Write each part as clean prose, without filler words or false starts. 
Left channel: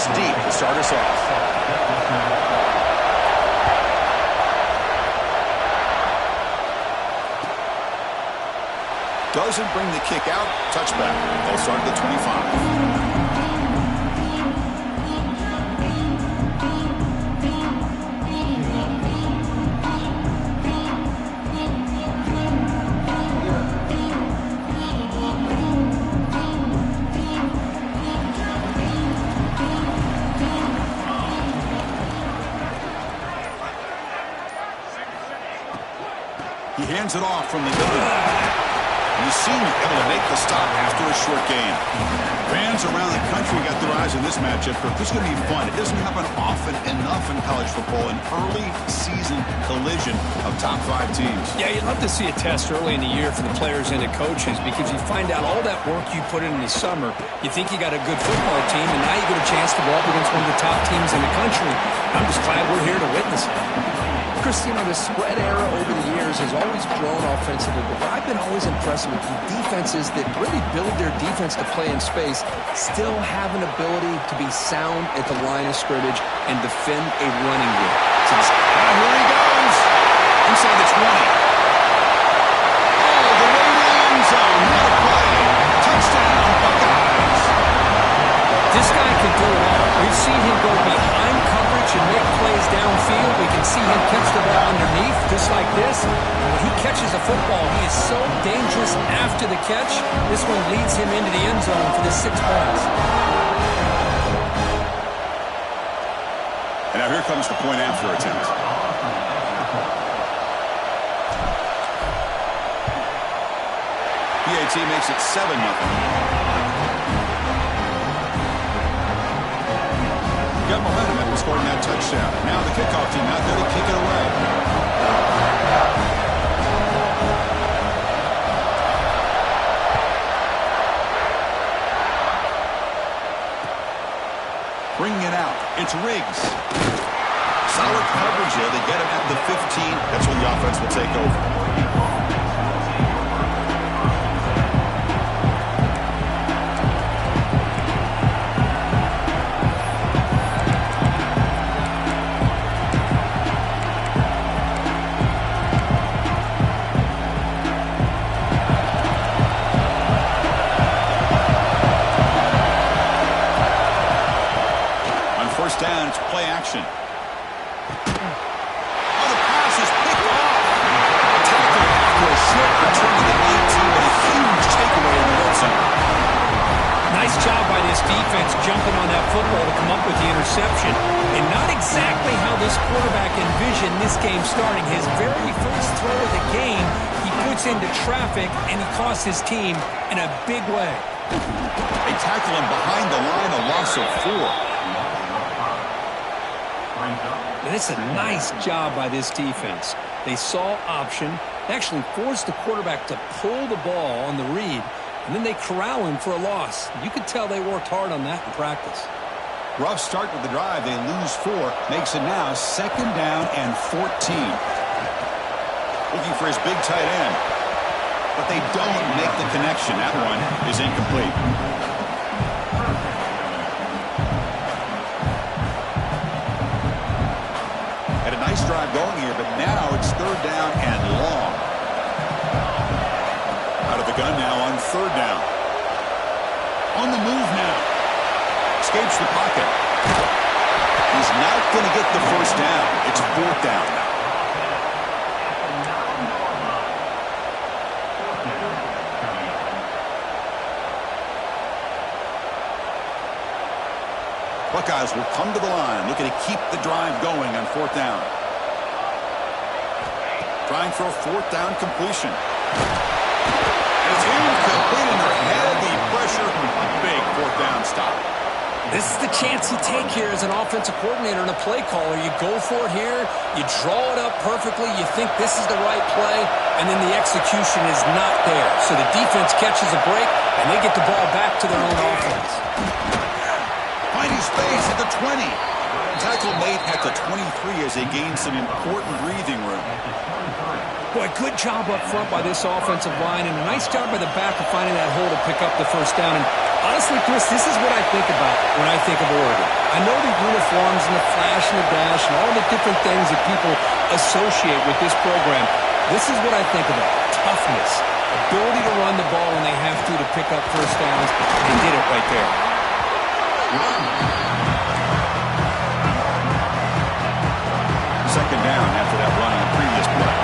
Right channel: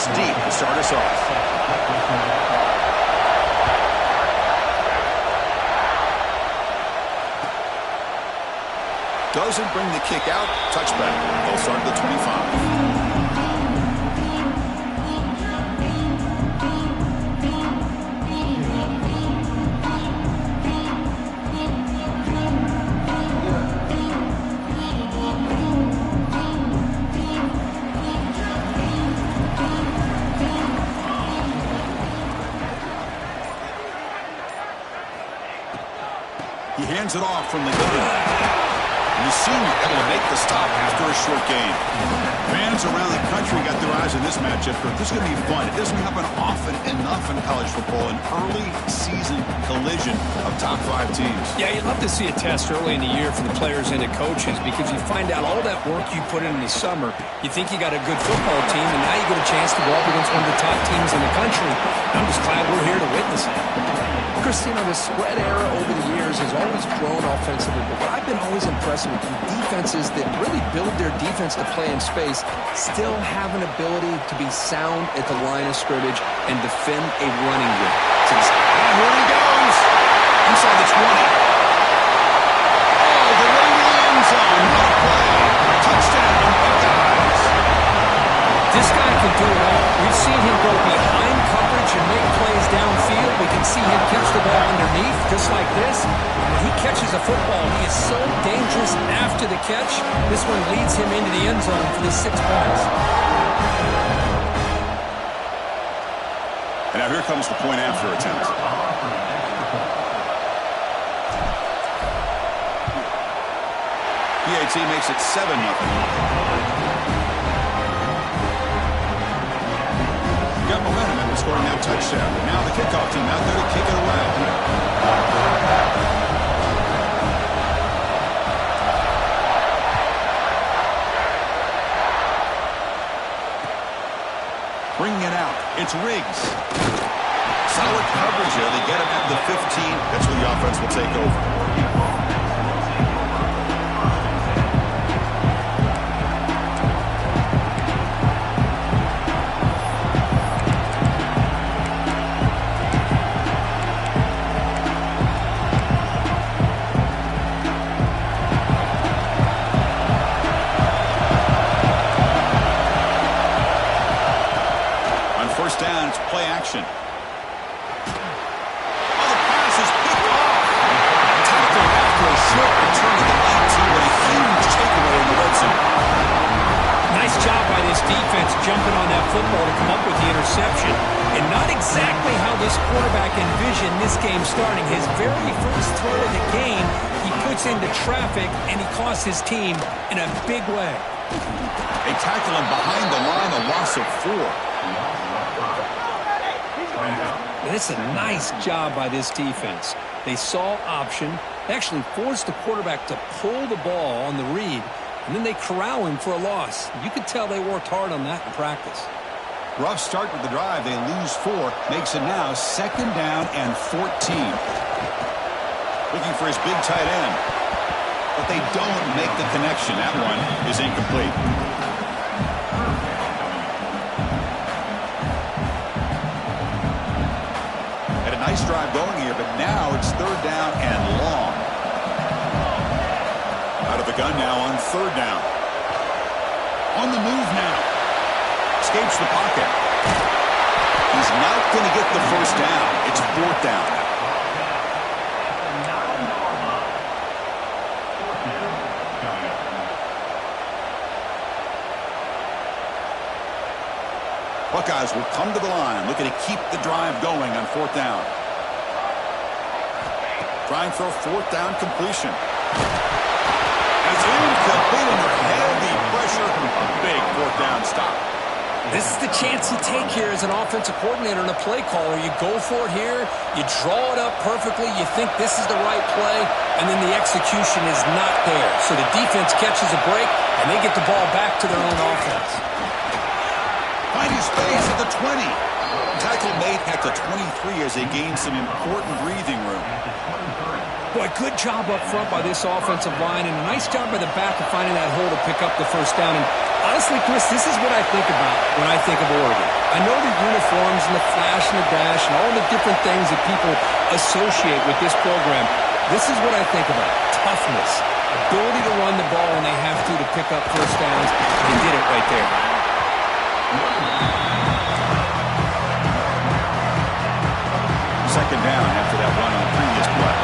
this deep to start us off. Doesn't bring the kick out. Touchback. They'll start at the 25. He hands it off from the gun. And the senior able to make the stop after a short gain. Fans around the country got their eyes on this matchup. This is going to be fun. It doesn't happen often enough in college football, an early season collision of top 5 teams. Yeah, you'd love to see a test early in the year for the players and the coaches because you find out all that work you put in the summer. You think you got a good football team, and now you get a chance to go up against one of the top teams in the country. I'm just glad we're here to witness it. Chris, you know, the spread era over the years has always grown offensively, but what I've been always impressed with the defenses that really build their defense to play in space still have an ability to be sound at the line of scrimmage and defend a running game. Here he goes. Inside the 20. All the way to the end zone. What a play. Touchdown, Buckeyes. This guy can do it all. We've seen him go behind coverage and make plays downfield. We can see him catch the ball underneath, just like this. And when he catches a football, he is so dangerous after the catch. This one leads him into the end zone for the 6 points. And now here comes the point after attempt. PAT makes it 7-0. Got momentum after scoring that touchdown. Now the kickoff team out there to kick it away. Bringing it out. It's Riggs. Solid coverage there. They get him at the 15. That's where the offense will take over. Down, it's play action. Oh, the pass is picked off. Tackle after a short return to the 19, but a huge takeaway in the red zone. Nice job by this defense jumping on that football to come up with the interception. And not exactly how this quarterback envisioned this game starting. His very first throw of the game, he puts into traffic, and he costs his team in a big way. They tackle him behind the line, a loss of 4. And it's a nice job by this defense. They saw option. They actually forced the quarterback to pull the ball on the read, and then they corral him for a loss. You could tell they worked hard on that in practice. Rough start with the drive. They lose 4. Makes it now 2nd down and 14. Looking for his big tight end. But they don't make the connection. That one is incomplete. Had a nice drive going here, but now it's 3rd down and long. Out of the gun now on 3rd down. On the move now. Escapes the pocket. He's not going to get the 1st down. It's 4th down now. Buckeyes will come to the line, looking to keep the drive going on 4th down. Trying for a 4th down completion. And it's incomplete under heavy pressure. A big 4th down stop. This is the chance you take here as an offensive coordinator and a play caller. You go for it here. You draw it up perfectly. You think this is the right play, and then the execution is not there. So the defense catches a break, and they get the ball back to their own offense. Finding space at the 20. Tackle made at the 23 as they gain some important breathing room. Boy, good job up front by this offensive line, and a nice job by the back of finding that hole to pick up the 1st down. And Honestly, Chris, this is what I think about when I think of Oregon. I know the uniforms and the flash and the dash and all the different things that people associate with this program. This is what I think about. Toughness. Ability to run the ball when they have to pick up first downs. They did it right there. Second down after that run on the previous play.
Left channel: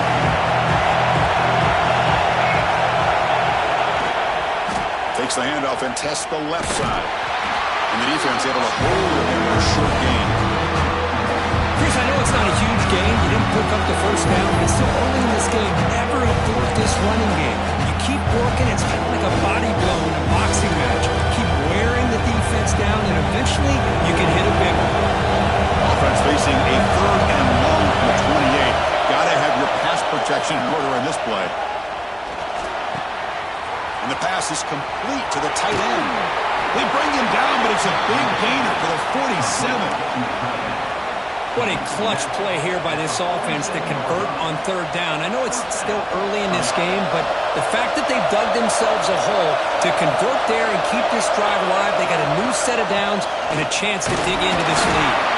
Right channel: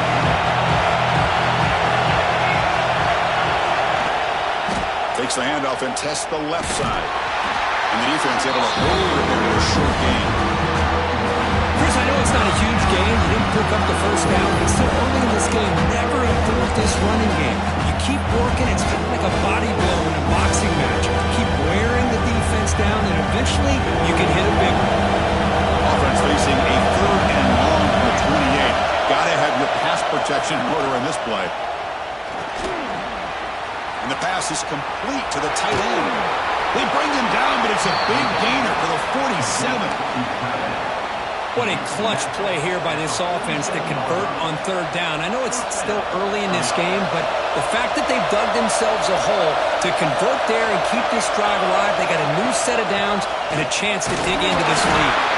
Takes the handoff and tests the left side. And the defense able to hold it there in a short gain. Chris, I know it's not a huge game. You didn't pick up the first down, but it's still early in this game. Never abort this running game. You keep working. It's kind of like a body blow in a boxing match. Keep wearing the defense down, and eventually you can hit a big one. Offense facing a third and long from the 28. Got to have your pass protection in order in this play. And the pass is complete to the tight end. They bring him down, but it's a big gainer for the 47. What a clutch play here by this offense to convert on third down. I know it's still early in this game, but the fact that they've dug themselves a hole to convert there and keep this drive alive, they got a new set of downs and a chance to dig into this lead.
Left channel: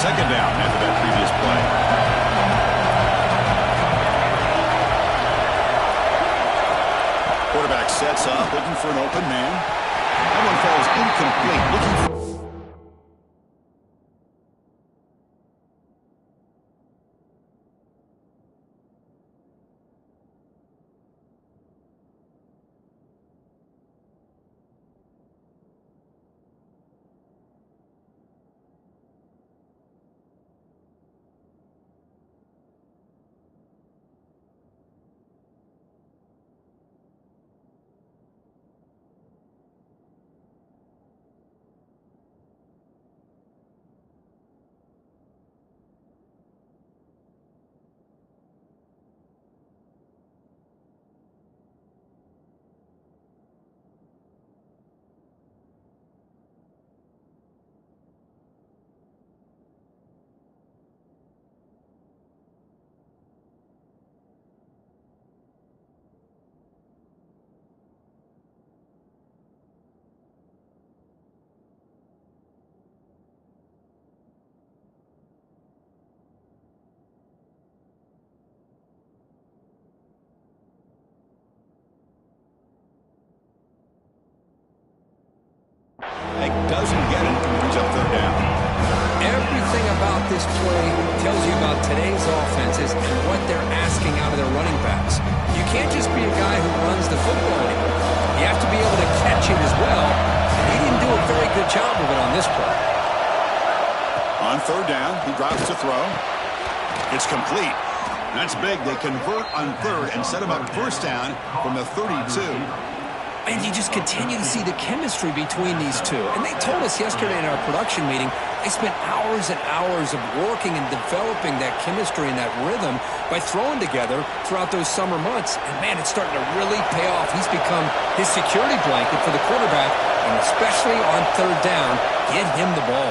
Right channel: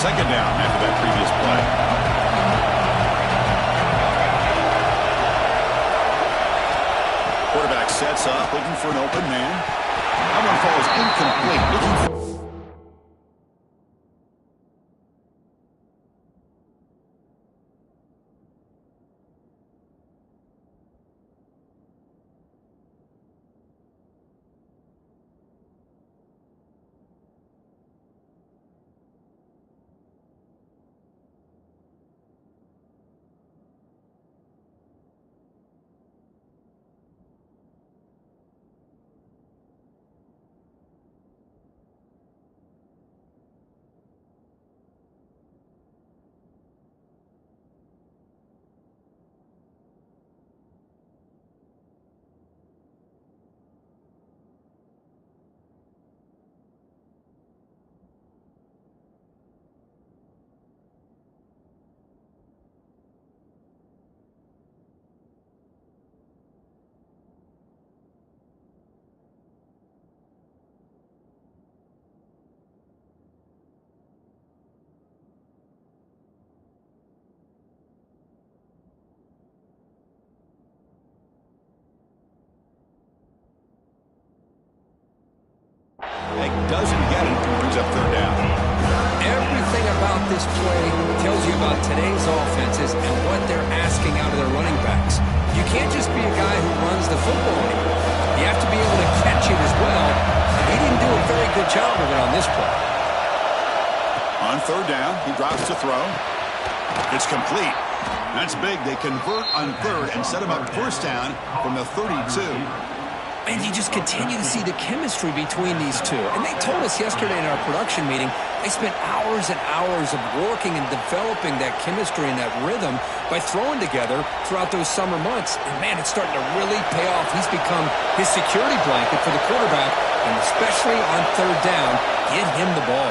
Second down after that previous play. Quarterback sets up, looking for an open man. That one falls incomplete. Looking for... Doesn't get it. Brings up third down. Everything about this play tells you about today's offenses and what they're asking out of their running backs. You can't just be a guy who runs the football anymore. You have to be able to catch it as well, and he didn't do a very good job of it on this play. On third down, he drops to throw. It's complete. That's big. They convert on third and set him up first down from the 32. And you just continue to see the chemistry between these two. And they told us yesterday in our production meeting, they spent hours and hours of working and developing that chemistry and that rhythm by throwing together throughout those summer months. And, man, it's starting to really pay off. He's become his security blanket for the quarterback, and especially on third down, get him the ball.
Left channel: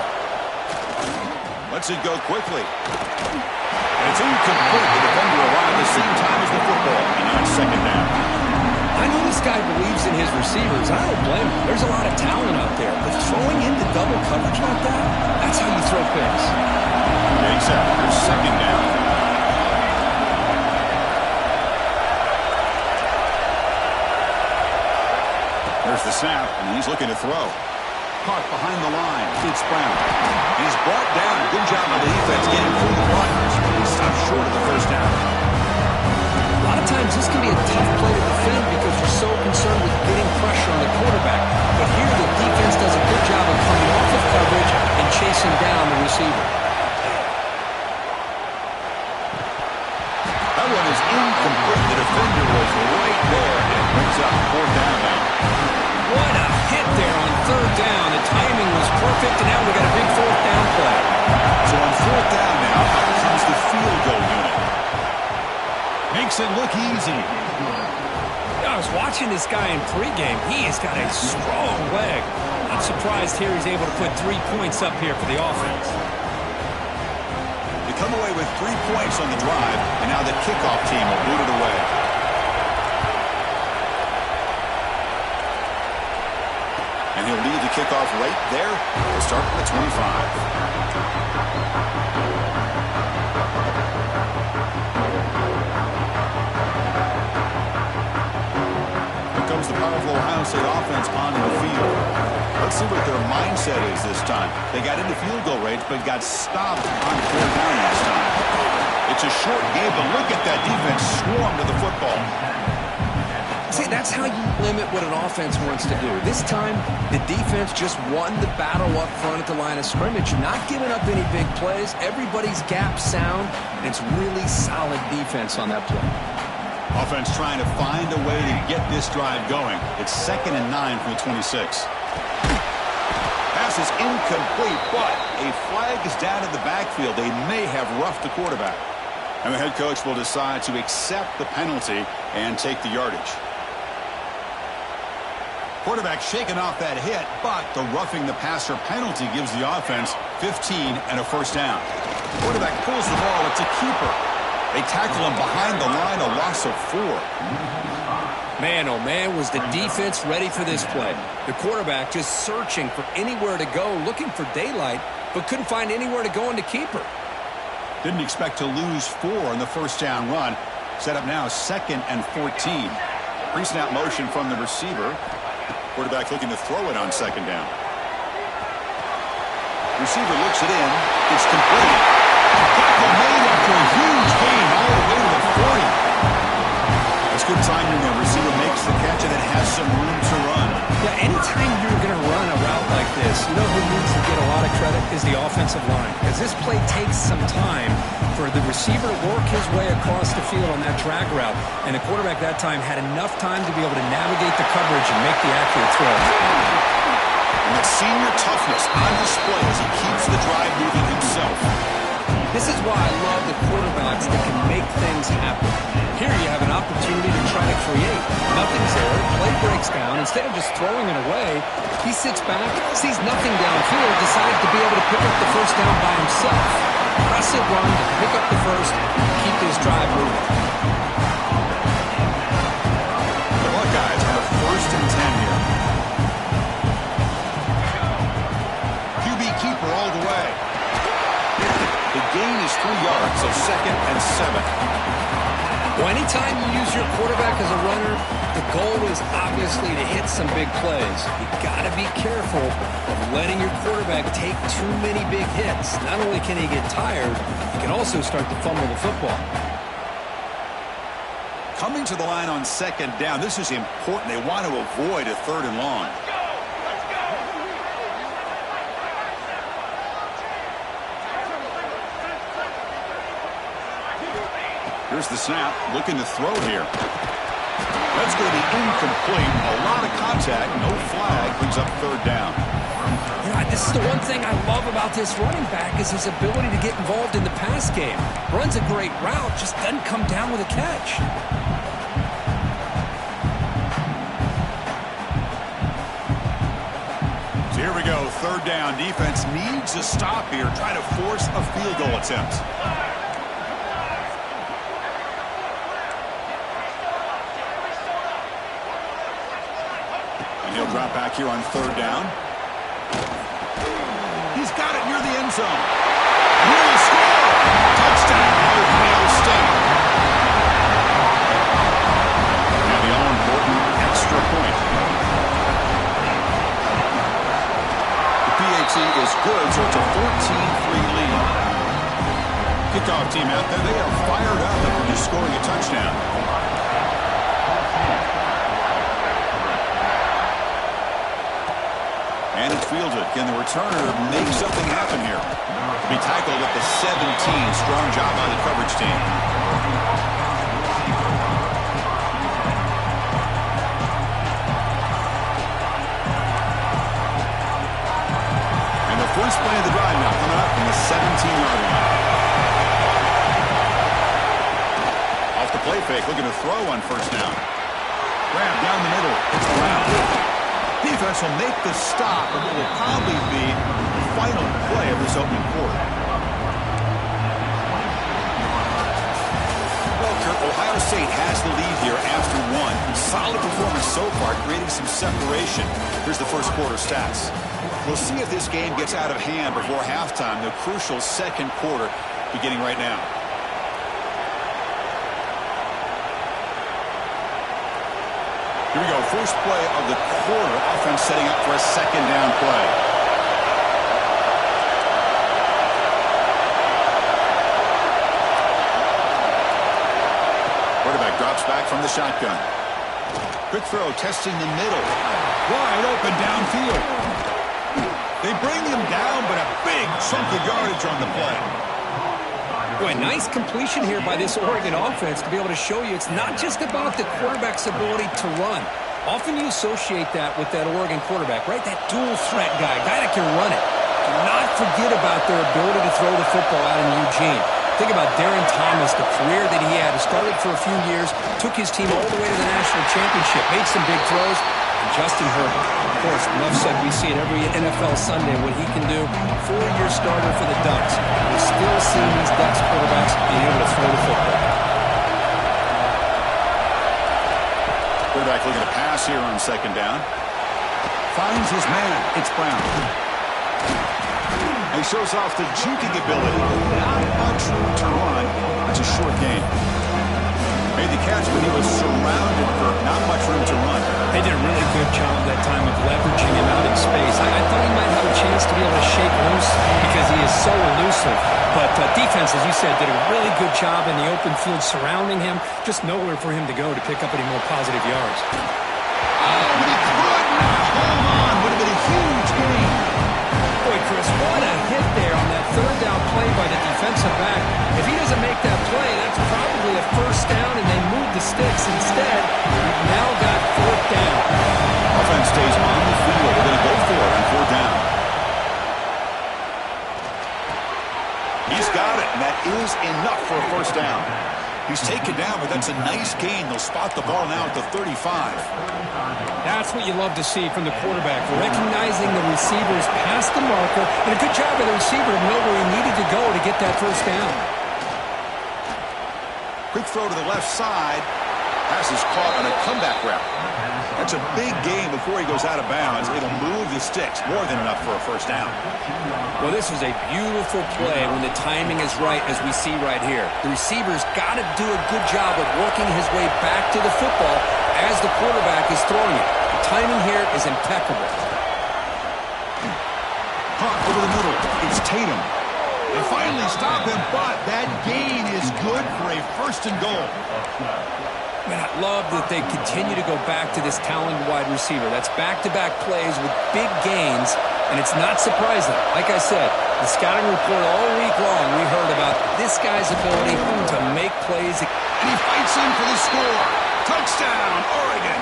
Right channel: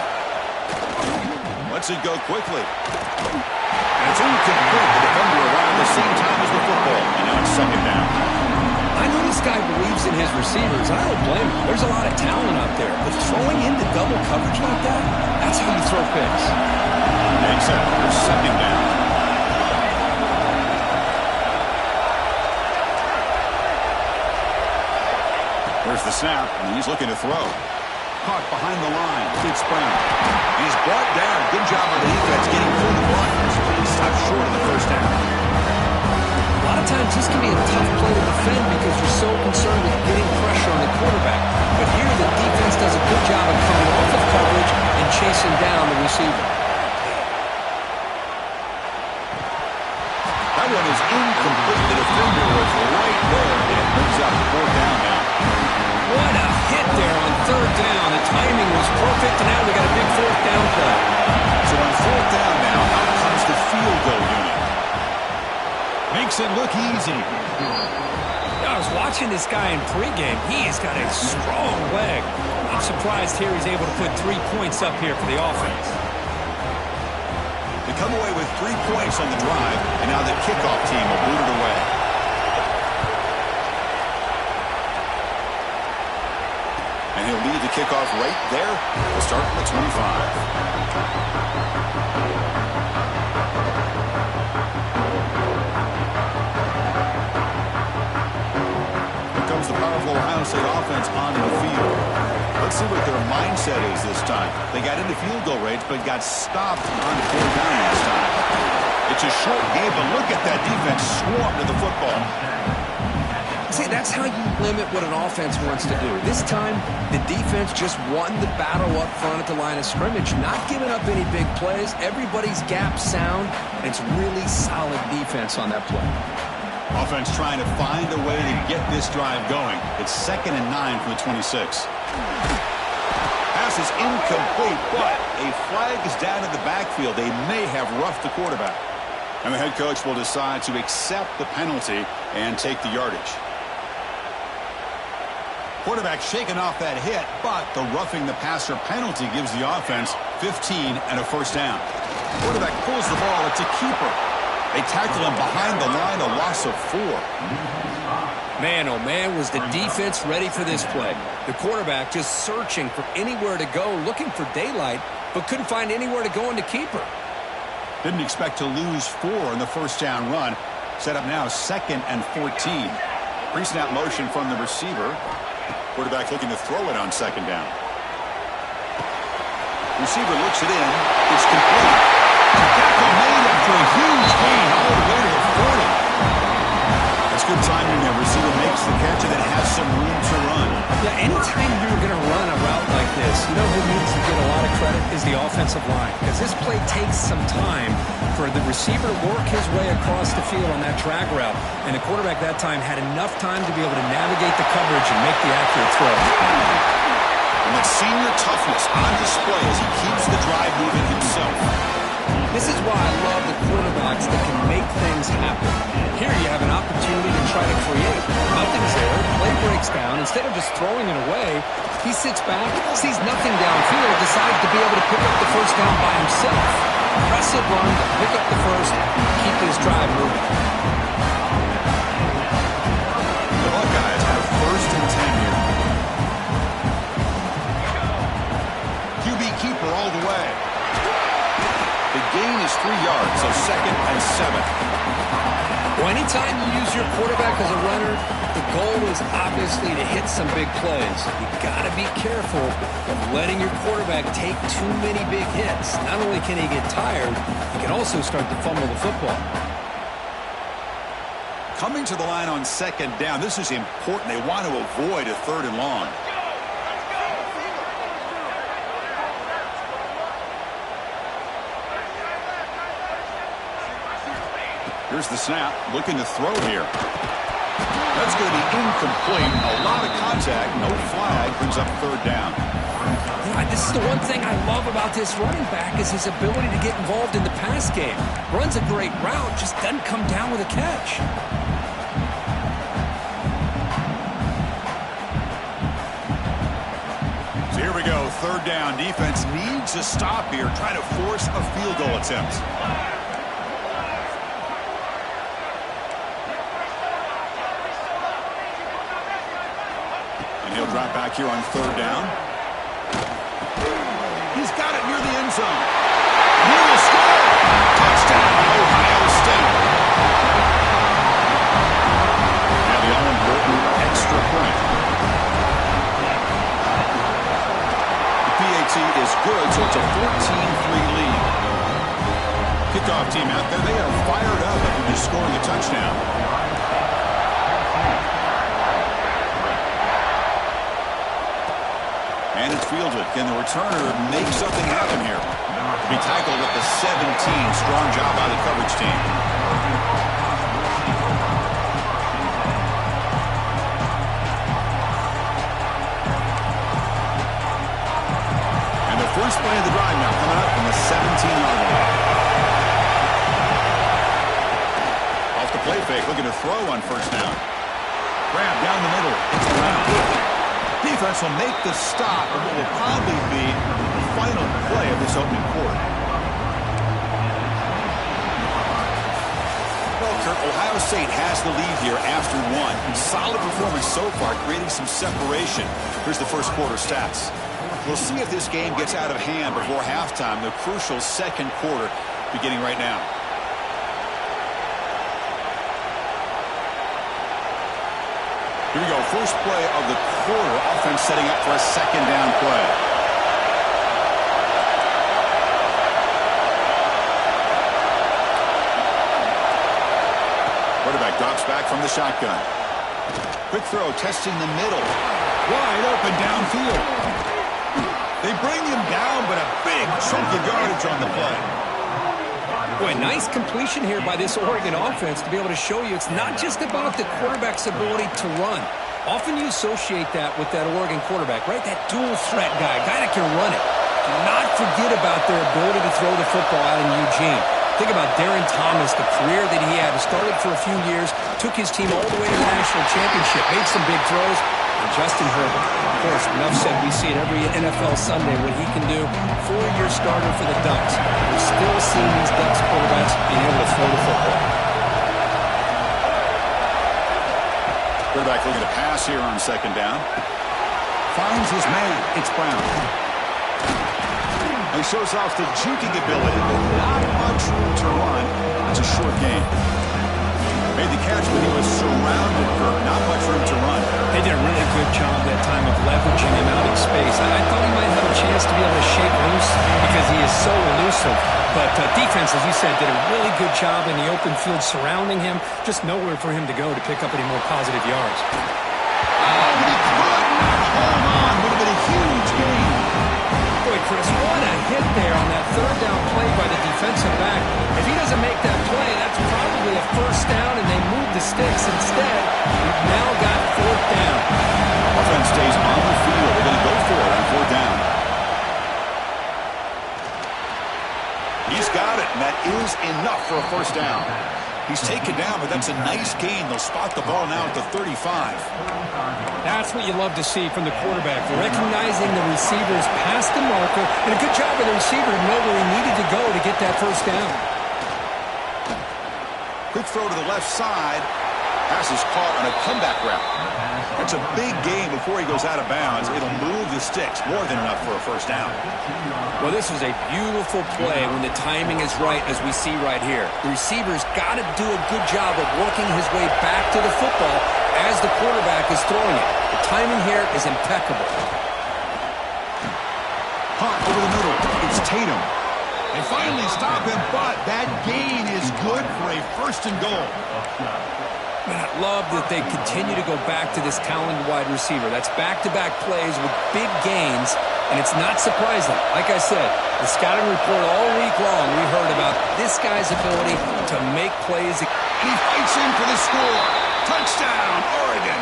Lets it go quickly. And it's incomplete. The defender arrived at the same time as the football. And now it's second down. I know this guy believes in his receivers. I don't blame him. There's a lot of talent out there. But throwing into double coverage like that, that's how you throw picks. Except here's second down. There's the snap, and he's looking to throw. Caught behind the line. It's Brown. And he's brought down. Good job by the defense getting through the blockers. But he stopped short of the first down. A lot of times this can be a tough play to defend because you're so concerned with getting pressure on the quarterback. But here the defense does a good job of coming off of coverage and chasing down the receiver. That one is incomplete. The defender was right there, and it brings up fourth down now. What a hit there on third down. The timing was perfect, and now we got a big fourth down play. So on fourth down now, out comes the field goal unit. Makes it look easy. I was watching this guy in pregame. He has got a strong leg. I'm surprised here he's able to put 3 points up here for the offense. come away with 3 points on the drive, and now the kickoff team will boot it away. And he'll lead the kickoff right there. We'll start from the 25. The powerful Ohio State offense onto the field. Let's see what their mindset is this time. They got into field goal range, but got stopped on 4th down last time. It's a short game, but look at that defense swarm to the football. See, that's how you limit what an offense wants to do. This time, the defense just won the battle up front at the line of scrimmage, not giving up any big plays. Everybody's gap sound, and it's really solid defense on that play. Offense trying to find a way to get this drive going. It's 2nd and 9 from the 26. Pass is incomplete, but a flag is down in the backfield. They may have roughed the quarterback. And the head coach will decide to accept the penalty and take the yardage. Quarterback shaking off that hit, but the roughing the passer penalty gives the offense 15 and a 1st down. Quarterback pulls the ball. It's a keeper. They tackle him behind the line, a loss of 4. Man, oh man, was the defense ready for this play. The quarterback just searching for anywhere to go, looking for daylight, but couldn't find anywhere to go into keeper. Didn't expect to lose 4 on the 1st down run. Set up now 2nd and 14. Pre-snap motion from the receiver. Quarterback looking to throw it on 2nd down. Receiver looks it in. It's complete. Tackle made after a huge gain all the way to the 40. That's good timing there. Receiver makes the catch and then has some room to run. Yeah, anytime you're going to run a route like this, you know who needs to get a lot of credit is the offensive line. Because this play takes some time for the receiver to work his way across the field on that drag route. And the quarterback that time had enough time to be able to navigate the coverage and make the accurate throw. And that senior toughness on display as he keeps the drive moving himself. This is why I love the quarterbacks that can make things happen. Here you have an opportunity to try to create. Nothing's there. Play breaks down. Instead of just throwing it away, he sits back, sees nothing downfield, decides to be able to pick up the 1st down by himself. Impressive run to pick up the 1st, keep this drive moving. The Buckeyes have 1st and 10 here. QB keeper all the way. The gain is 3 yards, so 2nd and 7. Well, anytime you use your quarterback as a runner, the goal is obviously to hit some big plays. You got to be careful of letting your quarterback take too many big hits. Not only can he get tired, he can also start to fumble the football. Coming to the line on 2nd down, this is important. They want to avoid a 3rd and long. Here's the snap, looking to throw here. That's going to be incomplete. A lot of contact, no flag, brings up 3rd down. Yeah, this is the one thing I love about this running back is his ability to get involved in the pass game. Runs a great route, just doesn't come down with a catch. So here we go, 3rd down. Defense needs a stop here, trying to force a field goal attempt. And he'll drop back here on 3rd down. He's got it near the end zone. And he will score. Touchdown, Ohio State. Now the all-important extra point. The PAT is good, so it's a 14-3 lead. Kickoff team out there, they are fired up after just scoring a touchdown. And it's fielded. Can the returner make something happen here? To be tackled at the 17. Strong job by the coverage team. And the first play of the drive now coming up from the 17-yard line. Off the play fake, looking to throw on 1st down. Grab down the middle. It's around. Defense will make the stop of what will probably be the final play of this opening quarter. Victor, Ohio State has the lead here after one. Solid performance so far, creating some separation. Here's the first quarter stats. We'll see if this game gets out of hand before halftime, the crucial second quarter beginning right now. Here we go. First play of the quarter. Offense setting up for a second down play. Quarterback drops back from the shotgun. Quick throw testing the middle. Wide open downfield. They bring him down, but a big chunk of yardage on the play. Boy, nice completion here by this Oregon offense to be able to show you it's not just about the quarterback's ability to run. Often you associate that with that Oregon quarterback, right? That dual threat guy that can run it. Do not forget about their ability to throw the football out in Eugene. Think about Darren Thomas, the career that he had. He started for a few years, took his team all the way to the national championship, made some big throws. And Justin Herbert, of course, enough said, we see it every NFL Sunday what he can do. 4-year starter for the Ducks. We're still seeing these Ducks quarterbacks being able to throw the football. Quarterback looking to pass here on second down. Finds his man. It's Brown. He shows off the juking ability, but not much room to run. That's a short game. Made the catch, but he was surrounded, Kirk. Not much room to run. They did a really good job that time of leveraging him out in space. I thought he might have a chance to be able to shake loose because he is so elusive. But defense, as you said, did a really good job in the open field surrounding him. Just nowhere for him to go to pick up any more positive yards. Oh, but he could not hold on. Would have been a huge gain. Boy, Chris, what a hit there on that third down play by the defensive back. If he doesn't make that play, that's probably a first down, and they move the sticks. Instead, we've now got fourth down. Offense stays on the field. They're going to go for it on fourth down. He's got it, and that is enough for a first down. He's taken down, but that's a nice gain. They'll spot the ball now at the 35. That's what you love to see from the quarterback, recognizing the receivers past the marker, and a good job by the receiver to know where he needed to go to get that first down. Quick throw to the left side. Pass is caught on a comeback route. That's a big gain before he goes out of bounds. It'll move the sticks, more than enough for a first down. Well, this is a beautiful play when the timing is right, as we see right here. The receiver's got to do a good job of working his way back to the football as the quarterback is throwing it. The timing here is impeccable. Hot over the middle. It's Tatum. They finally stop him, but that gain is good for a first and goal. Man, I love that they continue to go back to this talented wide receiver. That's back-to-back plays with big gains, and it's not surprising. Like I said, the scouting report all week long, we heard about this guy's ability to make plays. And he fights in for the score. Touchdown, Oregon.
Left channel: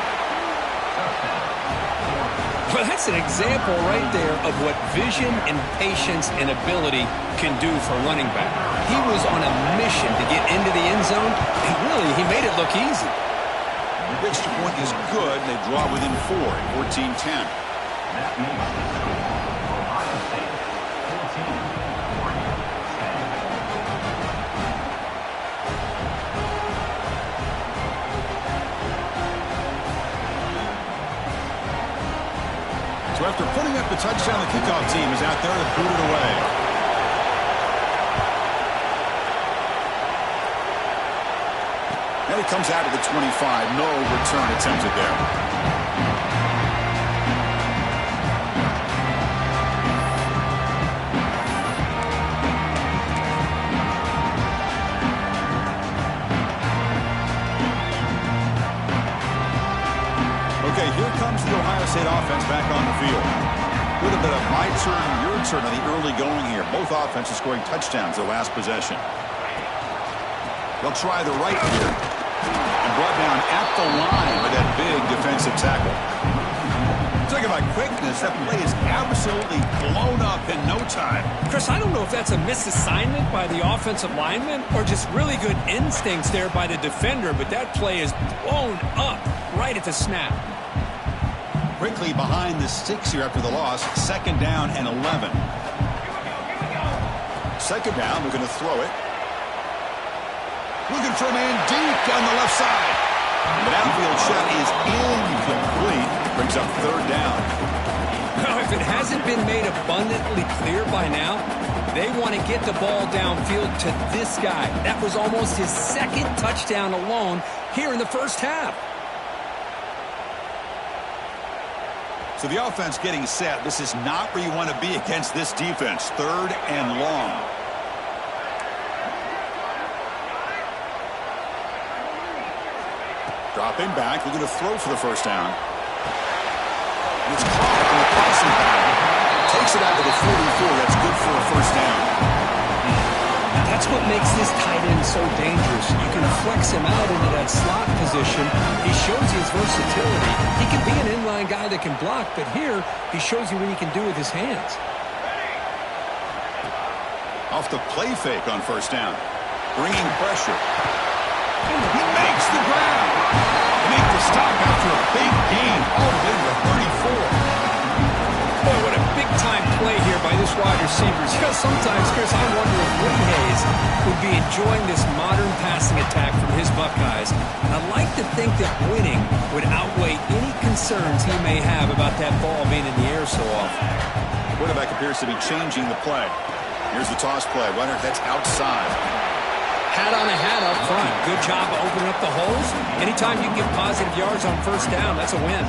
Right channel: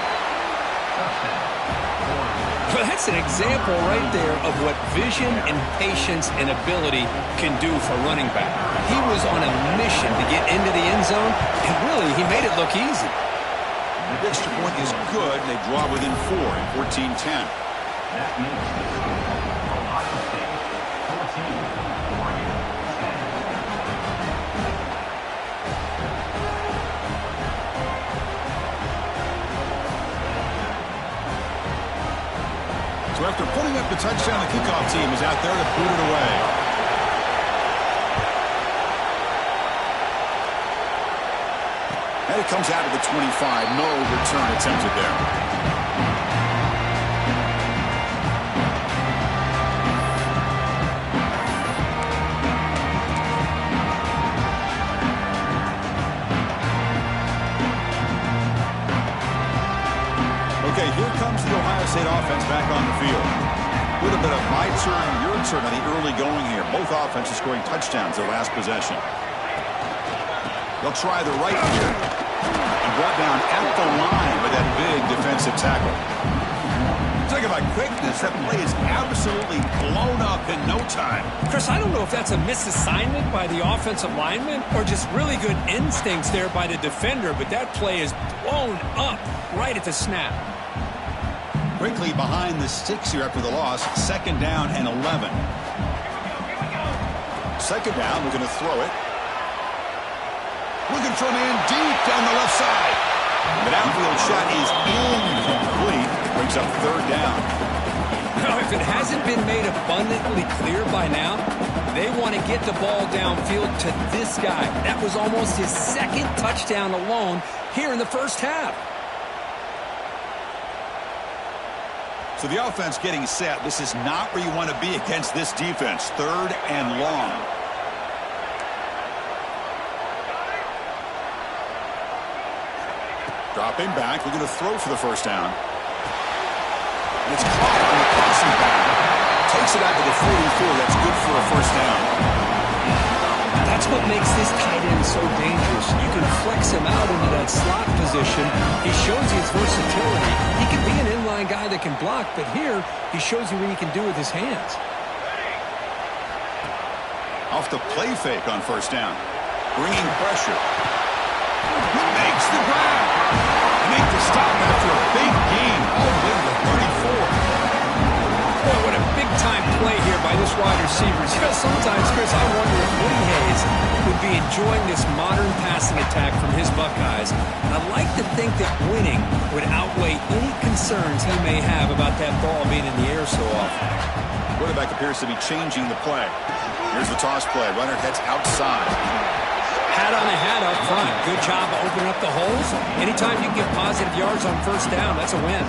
Well, that's an example right there of what vision and patience and ability can do for a running back. He was on a mission to get into the end zone, and really, he made it look easy. The extra point is good. They draw within 4 at 14-10. That makes Ohio State 14, Oregon 10. So after putting up the touchdown, the kickoff team is out there to boot it away. And it comes out of the 25. No return attempted there. Okay, here comes the Ohio State offense back on the field. A little bit of my turn, your turn on the early going here. Both offenses scoring touchdowns their last possession. They'll try the right here. And brought down at the line with that big defensive tackle. Talk about quickness. That play is absolutely blown up in no time. Chris, I don't know if that's a misassignment by the offensive lineman or just really good instincts there by the defender, but that play is blown up right at the snap. Quickly behind the sticks here after the loss. Second down and 11. Second down, we're going to throw it. Looking for a man deep down the left side. The downfield shot is incomplete. Brings up third down. Now, if it hasn't been made abundantly clear by now, they want to get the ball downfield to this guy. That was almost his second touchdown alone here in the first half. So the offense getting set. This is not where you want to be against this defense. Third and long. Dropping back, looking to throw for the first down. And it's caught on the crossing pattern. Takes it out to the 44. That's good for a first down. That's what makes this tight end so dangerous. You can flex him out into that slot position. He shows you his versatility. He can be an inline guy that can block, but here he shows you what he can do with his hands. Off the play fake on first down. Bringing pressure. He makes the grab. They make the stop after a big gain all the way to the 34. Boy, what a big-time play here by this wide receiver. You know, sometimes, Chris, I wonder if Woody Hayes would be enjoying this modern passing attack from his Buckeyes. And I like to think that winning would outweigh any concerns he may have about that ball being in the air so often. Quarterback appears to be changing the play. Here's the toss play. Runner heads outside. Hat on a hat up front. Good job opening up the holes. Anytime you can get positive yards on first down, that's a win.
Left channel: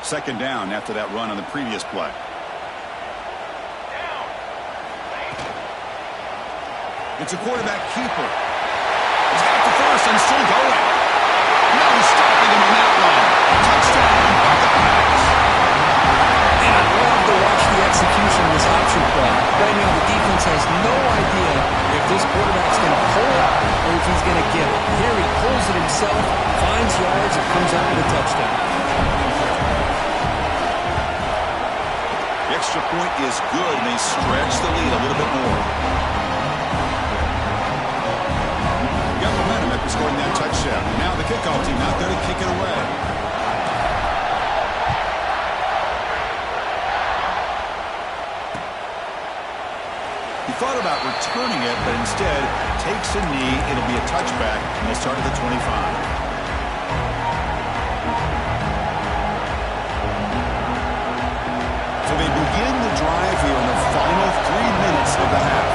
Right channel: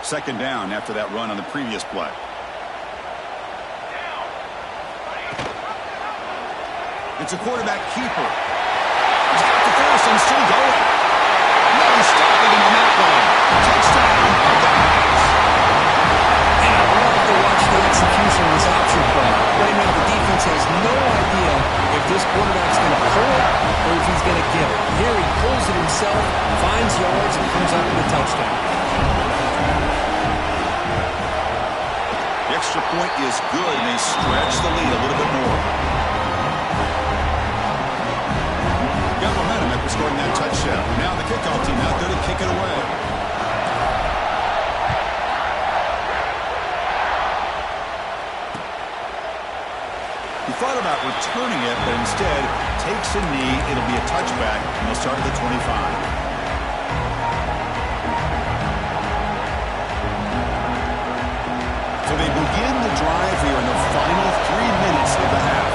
Second down after that run on the previous play. It's a quarterback keeper. He's got the first and still going. No stopping him on that one. Touchdown, Buckeyes. And I love to watch the execution of this option play. Right now, the defense has no idea if this quarterback's going to pull it or if he's going to give it. Here he pulls it himself, finds yards, and comes up with a touchdown. The extra point is good, and they stretch the lead a little bit more. Got momentum after scoring that touchdown. Now the kickoff team out there to kick it away. He thought about returning it, but instead takes a knee. It'll be a touchback, and they'll start at the 25. So they begin the drive here in the final 3 minutes of the half.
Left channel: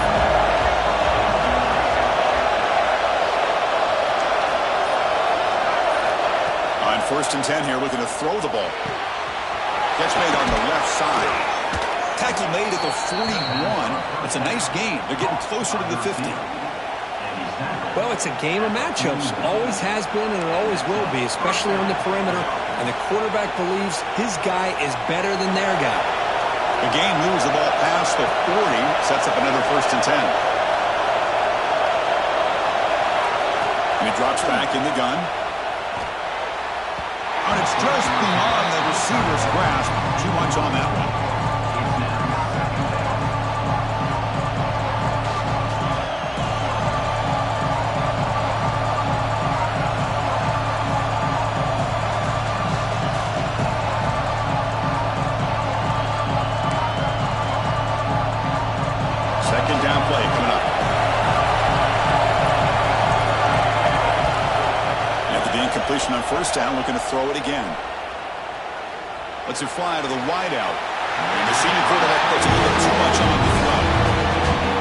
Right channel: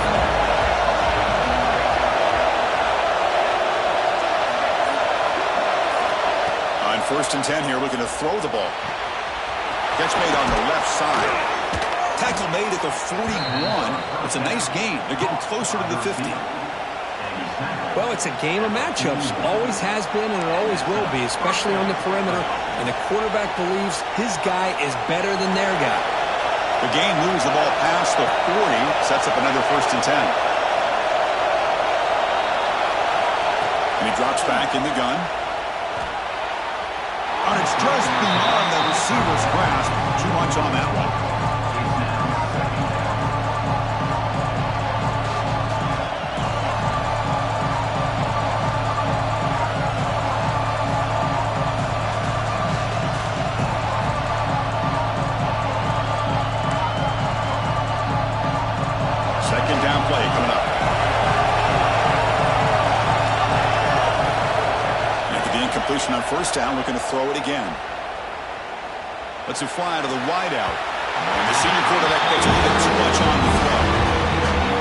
On 1st and 10 here, looking to throw the ball. Catch made on the left side. Tackle made at the 41. It's a nice gain. They're getting closer to the 50. Well, it's a game of matchups. Always has been and it always will be, especially on the perimeter. And the quarterback believes his guy is better than their guy. The game moves the ball past the 40. Sets up another 1st and 10. And he drops back in the gun. And it's just beyond the receiver's grasp. Too much on that one. Second down play coming up. After the incompletion on first down, looking to throw it again. Lets it fly to the wideout. And the senior quarterback puts a little bit too much on the throw.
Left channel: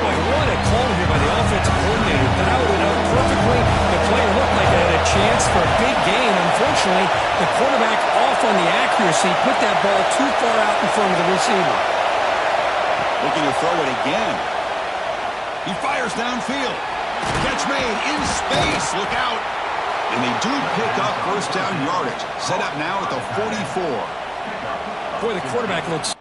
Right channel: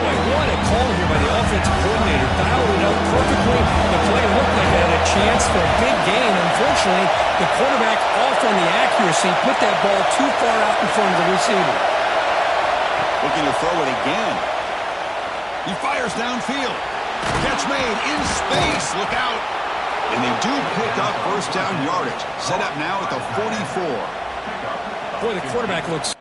Boy, what a call here by the offensive coordinator. Dialed it up perfectly. The play looked like it had a chance for a big gain. Unfortunately, the quarterback off on the accuracy, put that ball too far out in front of the receiver. Looking to throw it again. He fires downfield. Catch made in space. Look out. And they do pick up first down yardage. Set up now at the 44. Boy, the quarterback looks...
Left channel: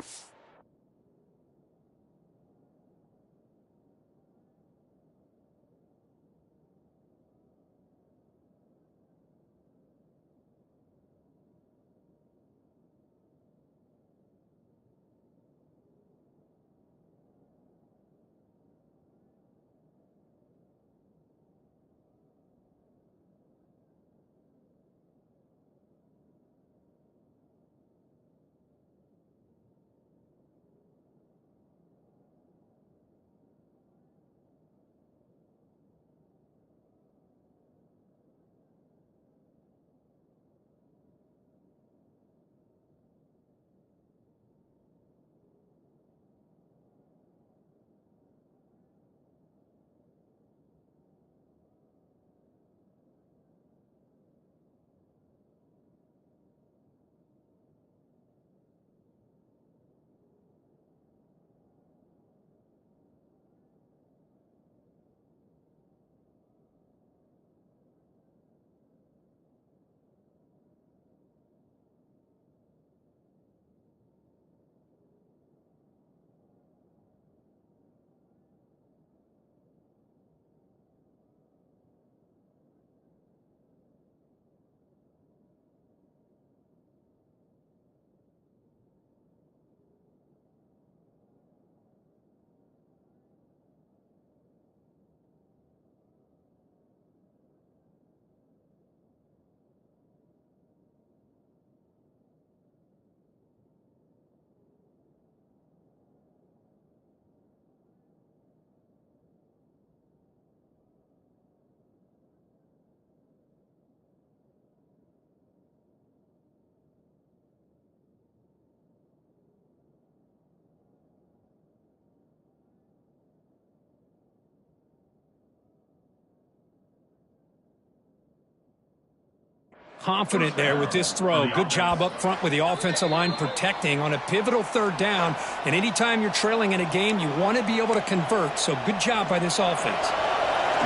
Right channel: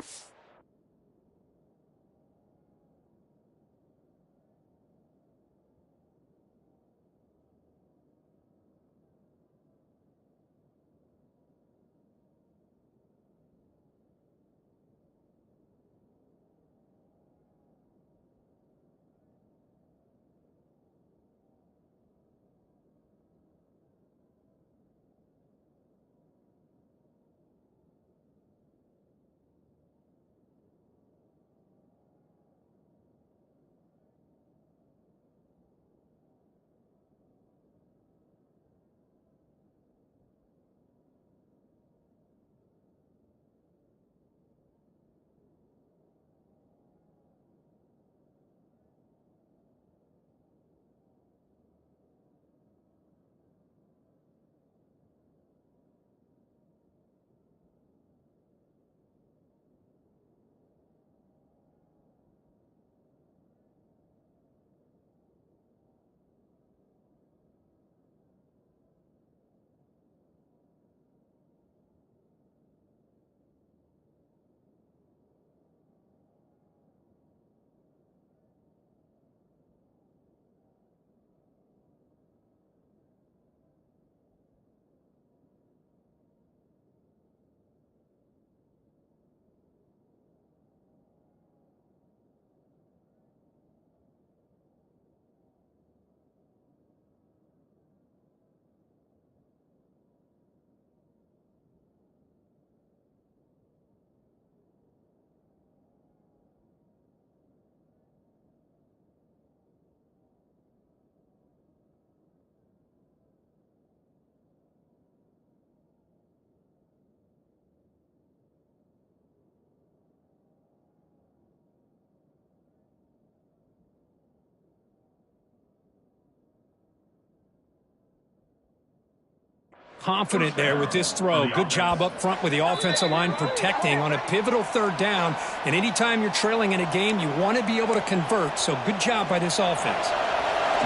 confident there with this throw. Good job up front with the offensive line protecting on a pivotal third down. And anytime you're trailing in a game, you want to be able to convert. So good job by this offense.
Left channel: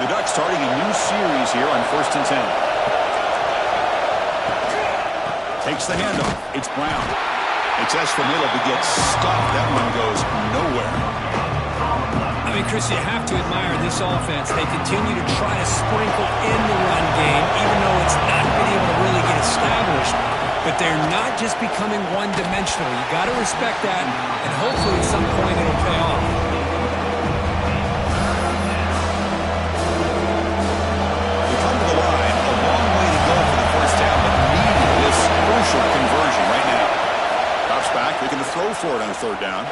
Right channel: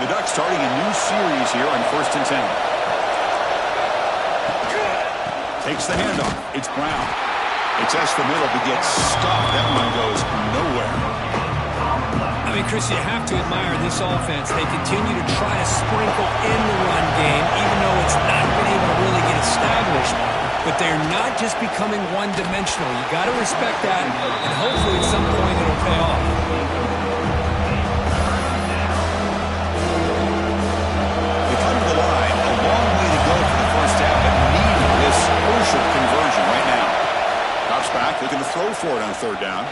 The Ducks starting a new series here on 1st and 10. Takes the handoff. It's Brown. It's S the middle, but gets stuffed. That one goes nowhere. I mean, Chris, you have to admire this offense. They continue to try to sprinkle in the run game, even though it's not been able to really get established. But they're not just becoming one-dimensional. You got to respect that, and hopefully at some point it'll pay off. They come to the line, a long way to go for the first down, but needing this crucial conversion right now. Drops back, looking to throw for it on 3rd down.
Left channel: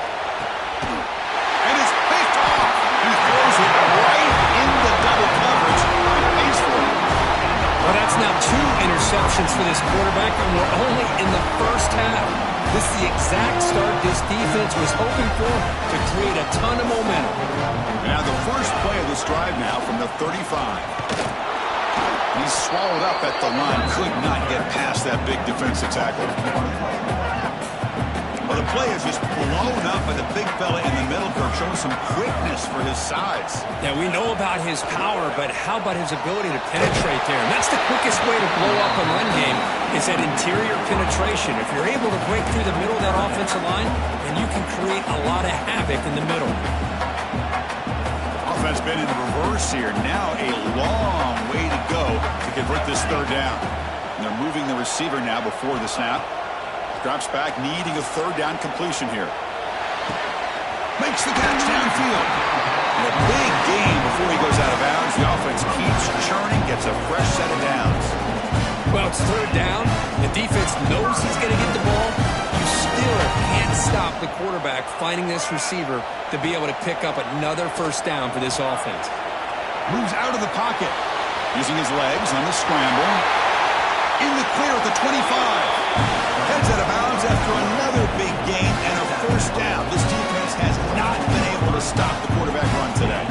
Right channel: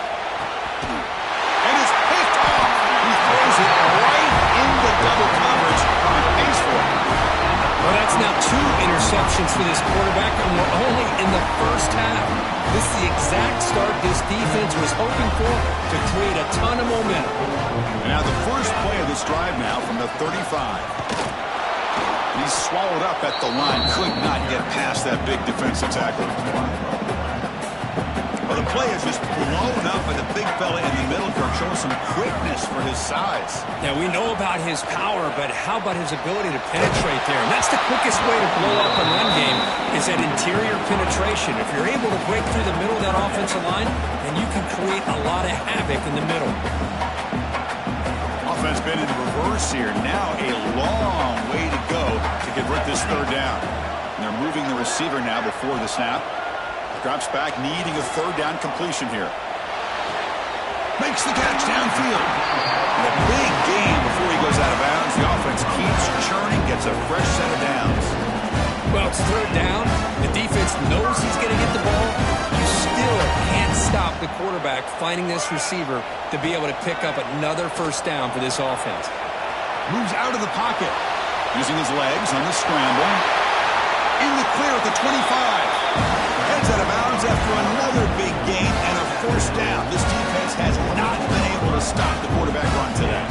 And it's picked off. He throws it right into double coverage and pays for it. Well, that's now 2 interceptions for this quarterback, and we're only in the first half. This is the exact start this defense was hoping for to create a ton of momentum. And now the first play of this drive now from the 35. He's swallowed up at the line. Could not get past that big defensive tackle. Well, the play is just blown up by the big fella in the middle, Kirk, showing some quickness for his size. Now, we know about his power, but how about his ability to penetrate there? And that's the quickest way to blow up a run game is that interior penetration. If you're able to break through the middle of that offensive line, then you can create a lot of havoc in the middle. Offense been in reverse here. Now a long way to go to convert this 3rd down. And they're moving the receiver now before the snap. Drops back, needing a 3rd down completion here. Makes the catch downfield. And a big gain before he goes out of bounds. The offense keeps churning, gets a fresh set of downs. Well, it's 3rd down. The defense knows he's going to get the ball. You still can't stop the quarterback finding this receiver to be able to pick up another 1st down for this offense. Moves out of the pocket. Using his legs on the scramble. In the clear at the 25. Heads out of bounds after another big gain and a 1st down. This defense has not been able to stop the quarterback run today.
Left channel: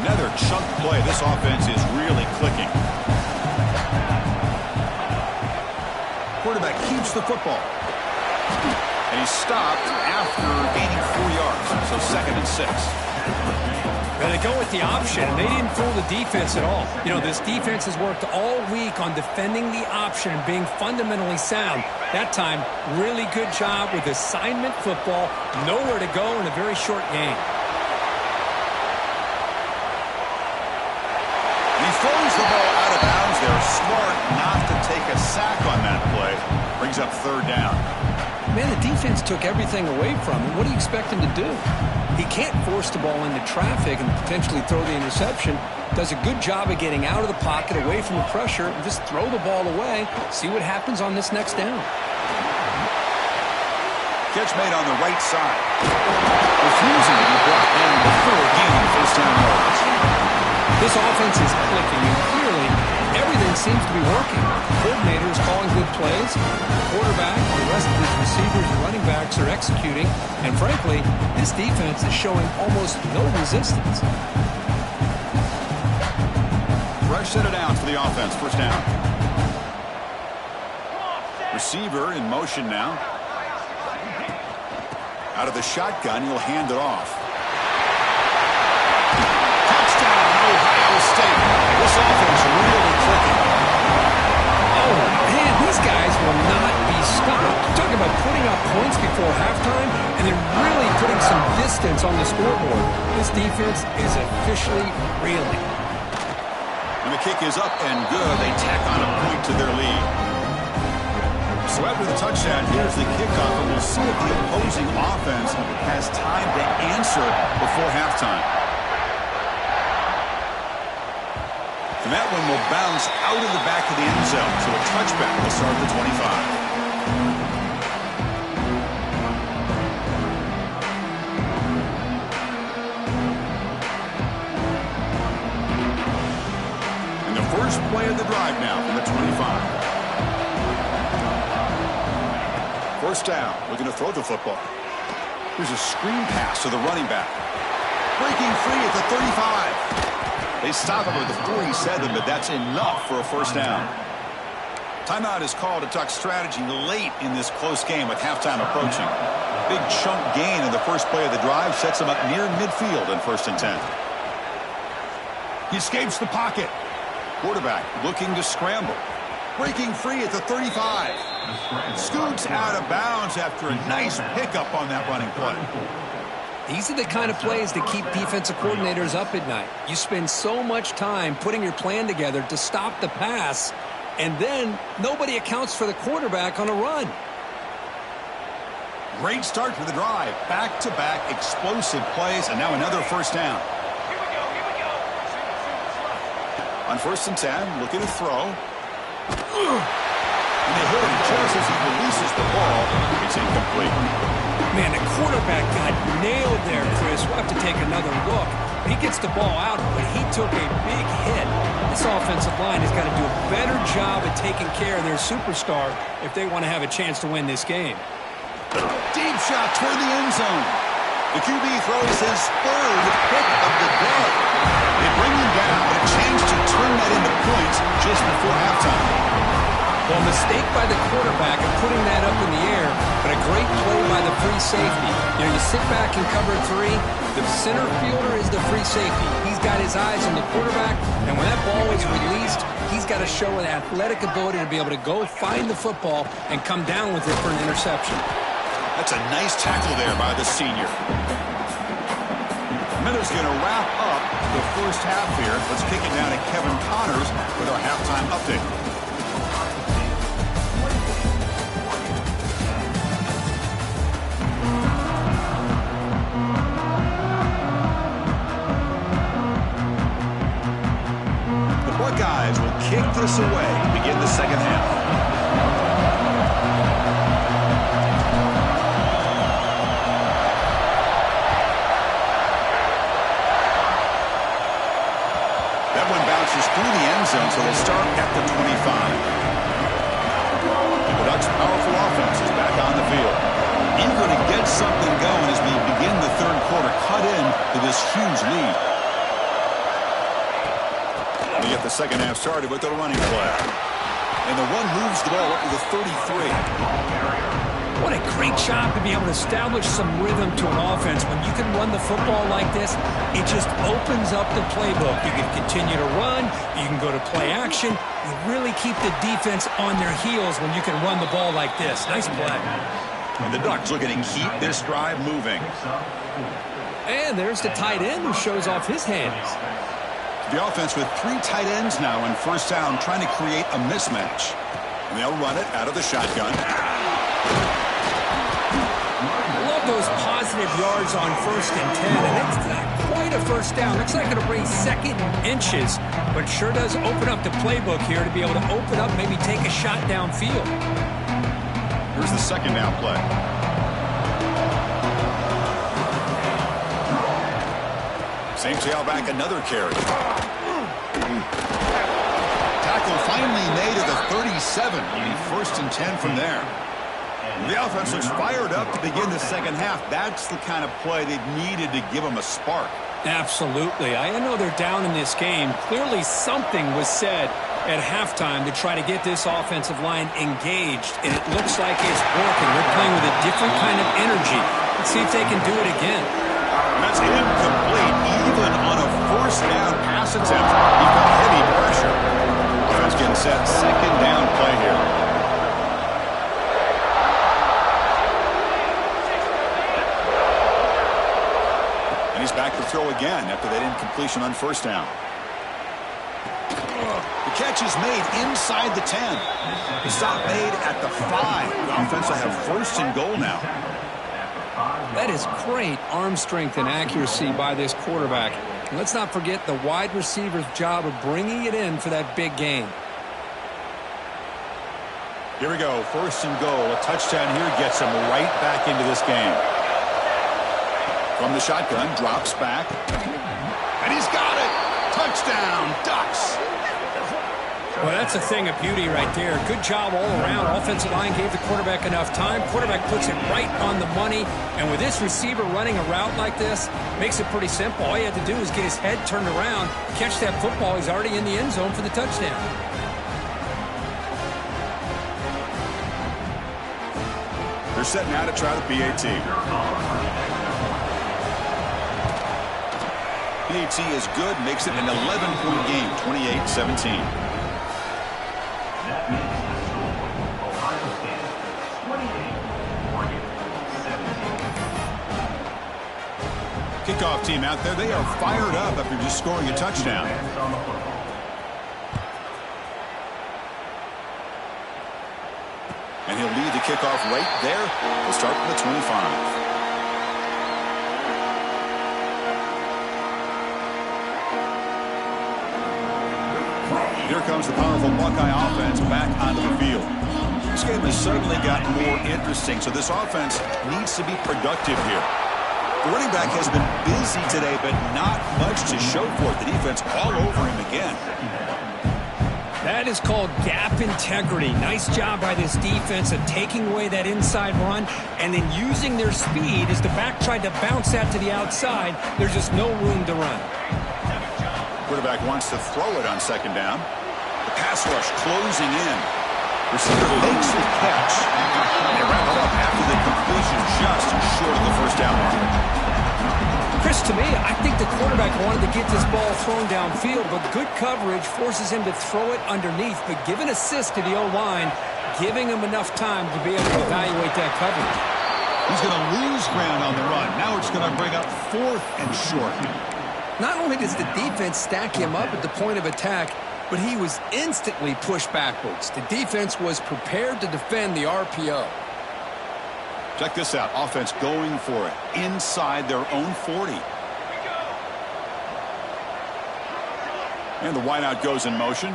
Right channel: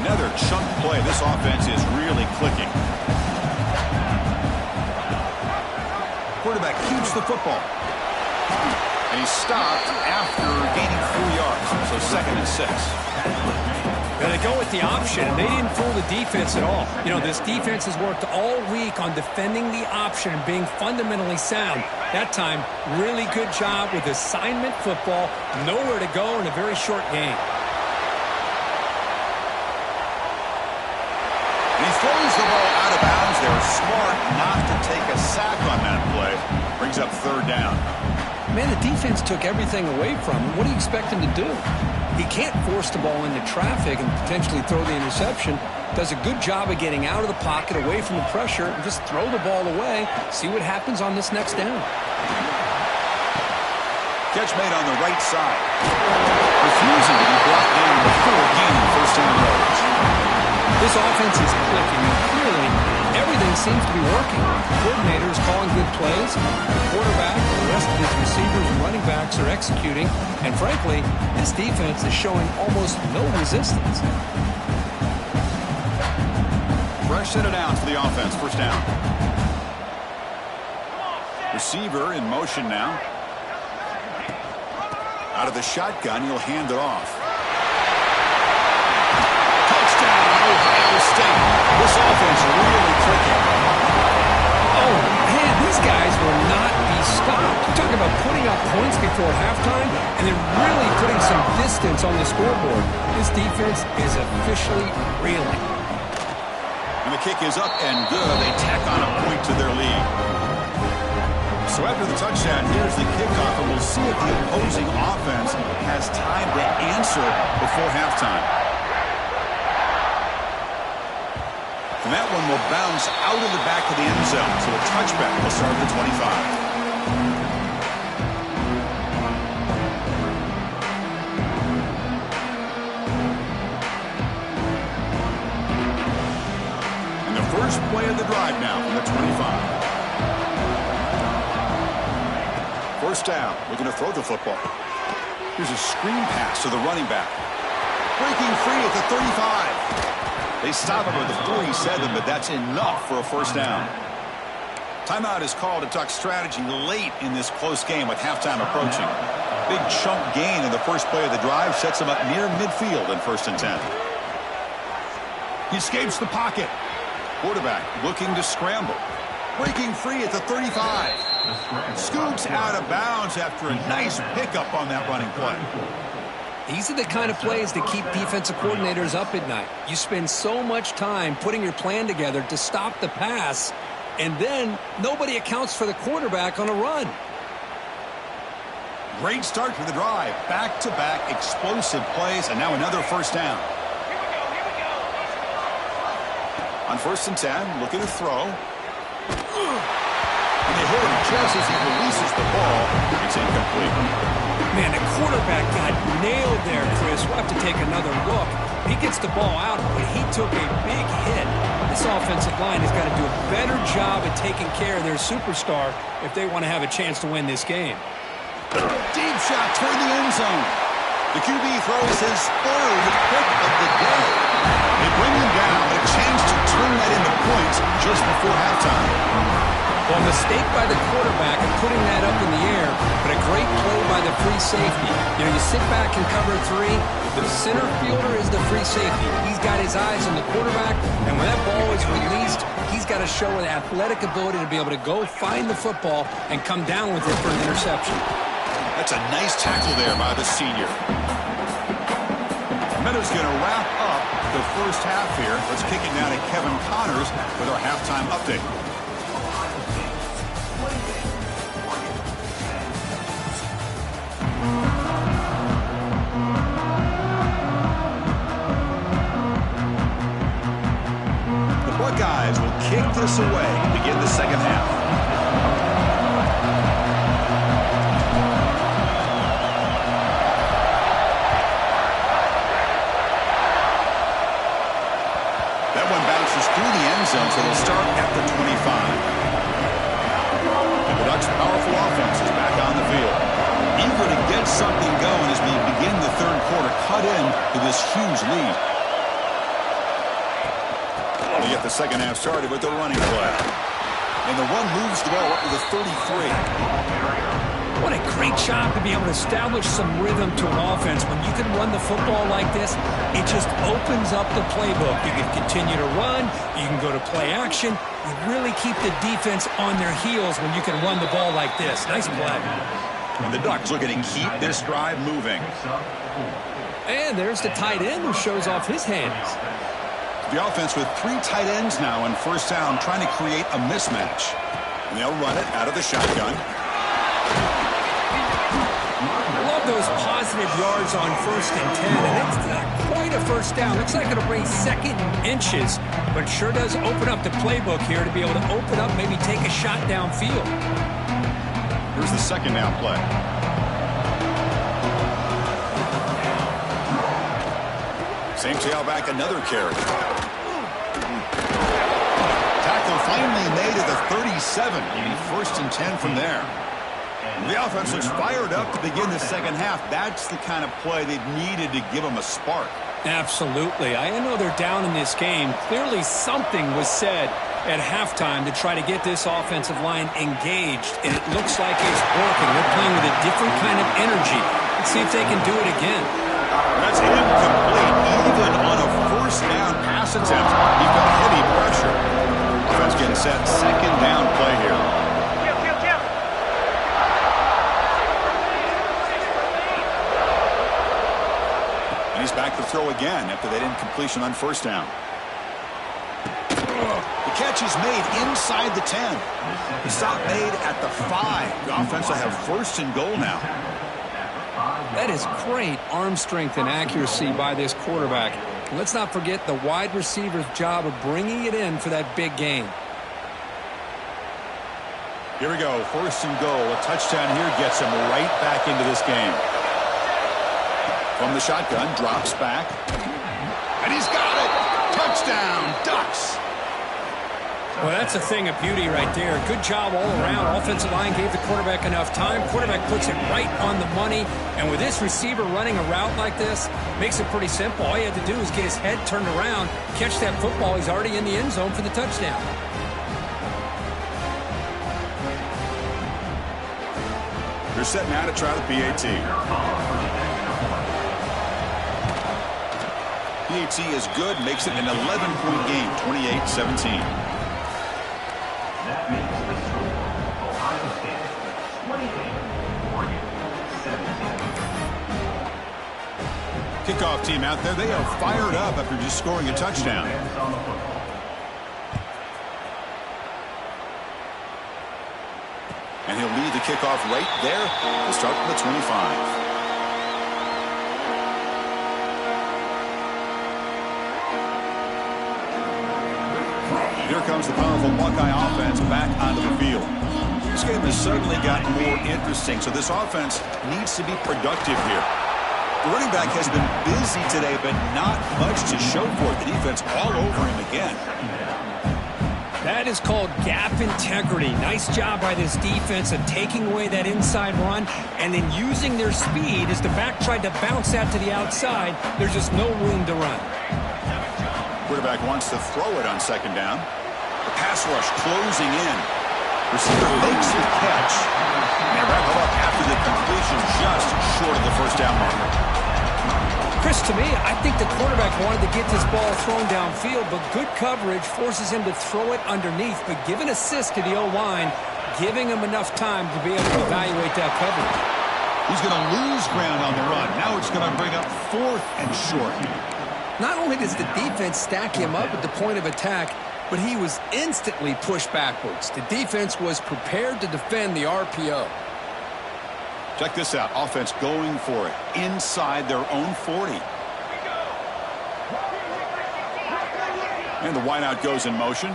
Another chunk play. This offense is really clicking. Quarterback keeps the football. And he's stopped after gaining 4 yards. So 2nd and 6. Now they go with the option, and they didn't fool the defense at all. You know, this defense has worked all week on defending the option and being fundamentally sound. That time, really good job with assignment football. Nowhere to go in a very short game. And he throws the ball out of bounds. They're smart not to take a sack on that play. Brings up 3rd down. Man, the defense took everything away from him. What do you expect him to do? He can't force the ball into traffic and potentially throw the interception. Does a good job of getting out of the pocket, away from the pressure, and just throw the ball away. See what happens on this next down. Catch made on the right side. Refusing to be brought down before gaining 1st down yards. This offense is clicking, and clearly everything seems to be working. The coordinator is calling good plays. The quarterback and the rest of his receivers and running backs are executing. And frankly, this defense is showing almost no resistance. Fresh set of downs for the offense. 1st down. Receiver in motion now. Out of the shotgun, he'll hand it off. Touchdown, Ohio State. This offense really clicking. Oh, man, these guys will not be stopped. You're talking about putting up points before halftime and then really putting some distance on the scoreboard. This defense is officially reeling. And the kick is up and good. They tack on a point to their lead. So after the touchdown, here's the kickoff, and we'll see if the opposing offense has time to answer before halftime. And that one will bounce out of the back of the end zone, so a touchback will start at the 25. And the first play of the drive now from the 25. 1st down, looking to throw the football. Here's a screen pass to the running back. Breaking free at the 35. They stop him at the 47, but that's enough for a first down. Timeout is called to talk strategy late in this close game with halftime approaching. Big chunk gain in the first play of the drive sets him up near midfield in 1st and 10. He escapes the pocket. Quarterback looking to scramble. Breaking free at the 35. Scoots out of bounds after a nice pickup on that running play. These are the kind of plays that keep defensive coordinators up at night. You spend so much time putting your plan together to stop the pass, and then nobody accounts for the quarterback on a run. Great start to the drive. Back-to-back explosive plays, and now another first down. Here we go. On 1st and 10, looking to throw. And they hit him just as he releases the ball. It's incomplete. Man, the quarterback got nailed there, Chris. We'll have to take another look. He gets the ball out, but he took a big hit. This offensive line has got to do a better job at taking care of their superstar if they want to have a chance to win this game. Deep shot toward the end zone. The QB throws his 3rd pick of the day. They bring him down, but a chance to turn that into points just before halftime. Well, a mistake by the quarterback of putting that up in the air, but a great play by the free safety. You know, you sit back and cover 3. The center fielder is the free safety. He's got his eyes on the quarterback, and when that ball is released, he's got to show an athletic ability to be able to go find the football and come down with it for an interception. That's a nice tackle there by the senior. Miller's going to wrap up the first half here. Let's kick it now to Kevin Connors with our halftime update. The Buckeyes will kick this away to begin the second half. That one bounces through the end zone, so they'll start at the 25. And the Ducks' powerful offense is back on the field. Eager to get something going as we begin the 3rd quarter, cut in to this huge lead. We get the second half started with the running play. And the run moves the ball up to the 33. What a great job to be able to establish some rhythm to an offense. When you can run the football like this, it just opens up the playbook. You can continue to run. You can go to play action. You really keep the defense on their heels when you can run the ball like this. Nice play. And the Ducks looking to keep this drive moving. And there's the tight end who shows off his hands. The offense with 3 tight ends now on first down, trying to create a mismatch. And they'll run it out of the shotgun. Love those positive yards on 1st and 10, and it's not quite a first down. Looks like it'll bring 2nd inches, but it sure does open up the playbook here to be able to open up, maybe take a shot downfield. Here's the second down play. Same tailback, another carry. Tackle finally made at the 37. It'll be 1st and 10 from there. The offense looks fired up to begin the second half. That's the kind of play they needed to give them a spark. Absolutely. I know they're down in this game. Clearly something was said at halftime to try to get this offensive line engaged, and it looks like it's working. They're playing with a different kind of energy. Let's see if they can do it again. That's incomplete. Even on a first down pass attempt, he felt heavy pressure. Offense getting set. Second down play here. And he's back to throw again after that incompletion on first down. The catch is made inside the 10. The stop made at the 5. The offense will have 1st and goal now. That is great arm strength and accuracy by this quarterback. And let's not forget the wide receiver's job of bringing it in for that big gain. Here we go. 1st and goal. A touchdown here gets him right back into this game. From the shotgun, drops back. And he's got it. Touchdown, Ducks. Well, that's a thing of beauty right there. Good job all around. Offensive line gave the quarterback enough time. Quarterback puts it right on the money. And with this receiver running a route like this, makes it pretty simple. All you had to do is get his head turned around, catch that football. He's already in the end zone for the touchdown. They're setting out to try the PAT. PAT is good, makes it an 11-point game, 28-17. That makes the score Ohio State 28, Oregon 17. Kickoff team out there, they are fired up after just scoring a touchdown. And he'll lead the kickoff right there. We'll start from the 25. Here comes the powerful Buckeye offense back onto the field. This game has suddenly gotten more interesting, so this offense needs to be productive here. The running back has been busy today, but not much to show for it. The defense all over him again. That is called gap integrity. Nice job by this defense of taking away that inside run and then using their speed as the back tried to bounce that to the outside. There's just no room to run. Quarterback wants to throw it on second down. The pass rush closing in. Receiver makes the catch. And they wrap it up after the completion just short of the first down marker. Chris, to me, I think the quarterback wanted to get this ball thrown downfield, but good coverage forces him to throw it underneath. But give an assist to the O-line, giving him enough time to be able to evaluate that coverage. He's going to lose ground on the run. Now it's going to bring up 4th and short. Not only does the defense stack him up at the point of attack, but he was instantly pushed backwards. The defense was prepared to defend the RPO. Check this out. Offense going for it inside their own 40. And the wideout goes in motion.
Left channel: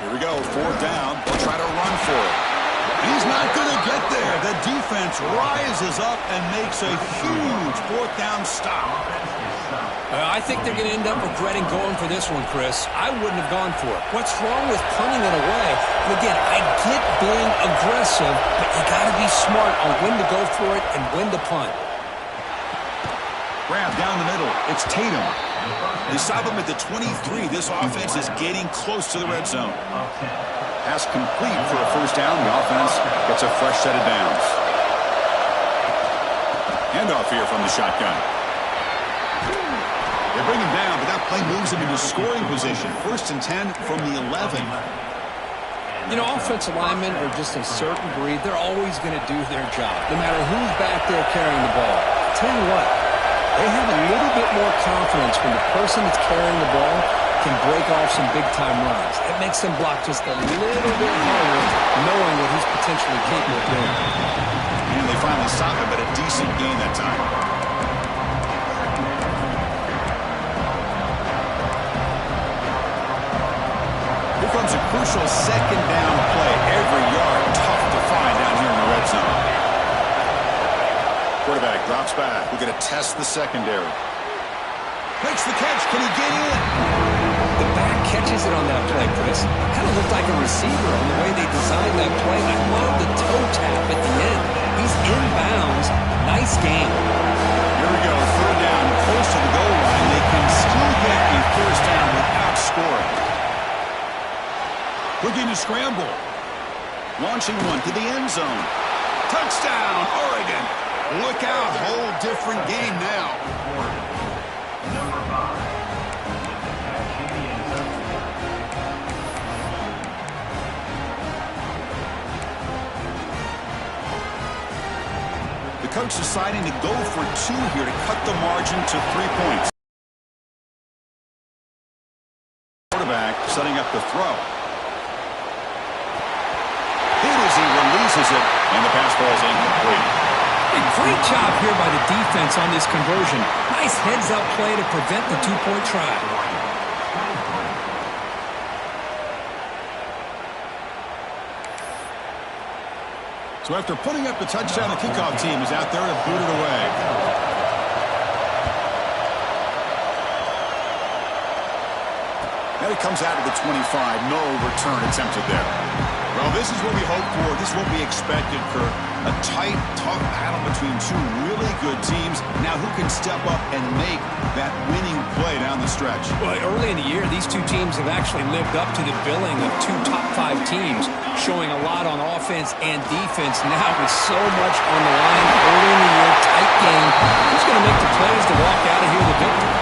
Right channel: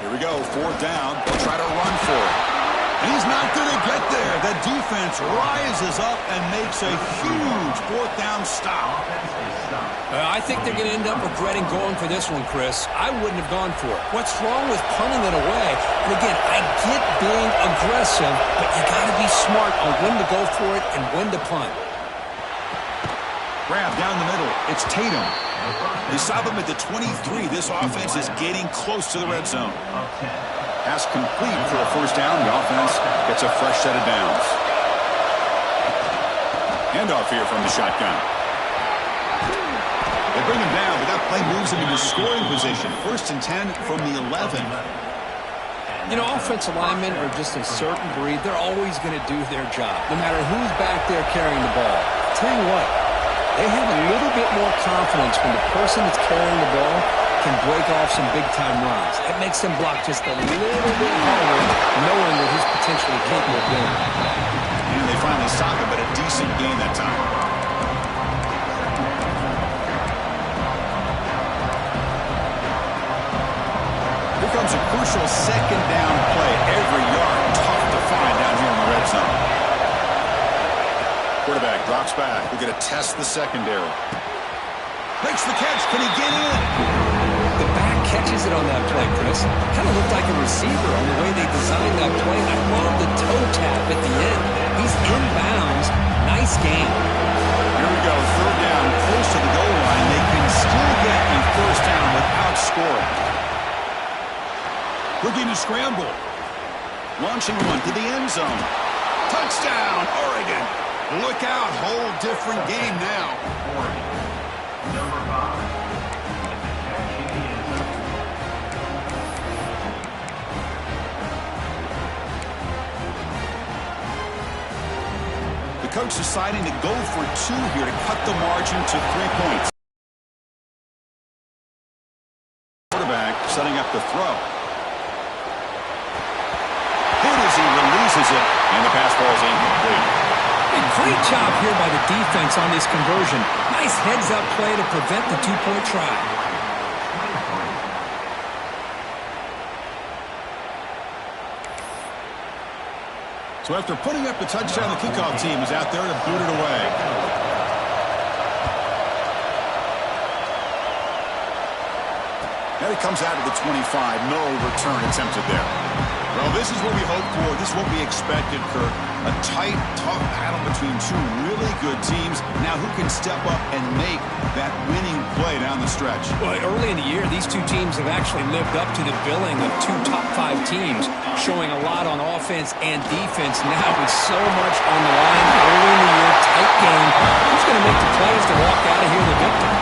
Here we go. 4th down. They'll try to run for it. And he's not going to get there. The defense rises up and makes a huge 4th down stop. I think they're going to end up regretting going for this one, Chris. I wouldn't have gone for it. What's wrong with punting it away? And again, I get being aggressive, but you got to be smart on when to go for it and when to punt. Grab down the middle. It's Tatum. They stop him at the 23. This offense is getting close to the red zone. Pass complete for a first down. The offense gets a fresh set of downs. Handoff here from the shotgun. They bring him down, but that play moves him into scoring position. 1st and 10 from the 11. You know, offensive linemen are just a certain breed. They're always going to do their job, no matter who's back there carrying the ball. I'll tell you what, they have a little bit more confidence when the person that's carrying the ball can break off some big-time runs. That makes them block just a little bit harder, knowing what he's potentially capable of doing. And they finally stop him, but a decent gain that time. Here comes a crucial second down play. Every yard tough to find down here in the red zone. Quarterback drops back. We're going to test the secondary. Makes the catch. Can he get in? The back catches it on that play, Chris. Kind of looked like a receiver on the way they designed that play. I love the toe tap at the end. He's inbounds. Nice game. Here we go. 3rd down, close to the goal line. They can still get a first down without scoring. Looking to scramble. Launching one to the end zone. Touchdown, Oregon. Look out. Whole different game now. Oregon, number 5, with the catch in the end zone. The coach deciding to go for 2 here to cut the margin to 3 points. Quarterback setting up the throw. Hit as he releases it, and the pass ball is incomplete. A great job here by the defense on this conversion. Nice heads-up play to prevent the 2-point try. So after putting up the touchdown, the kickoff team is out there to boot it away. And it comes out of the 25. No return attempted there. Well, this is what we hoped for. This is what we expected, Kurt. A tight, tough battle between two really good teams. Now, who can step up and make that winning play down the stretch? Well, early in the year, these two teams have actually lived up to the billing of two top-5 teams, showing a lot on offense and defense. Now, with so much on the line early in the year, tight game, who's going to make the plays to walk out of here the victor?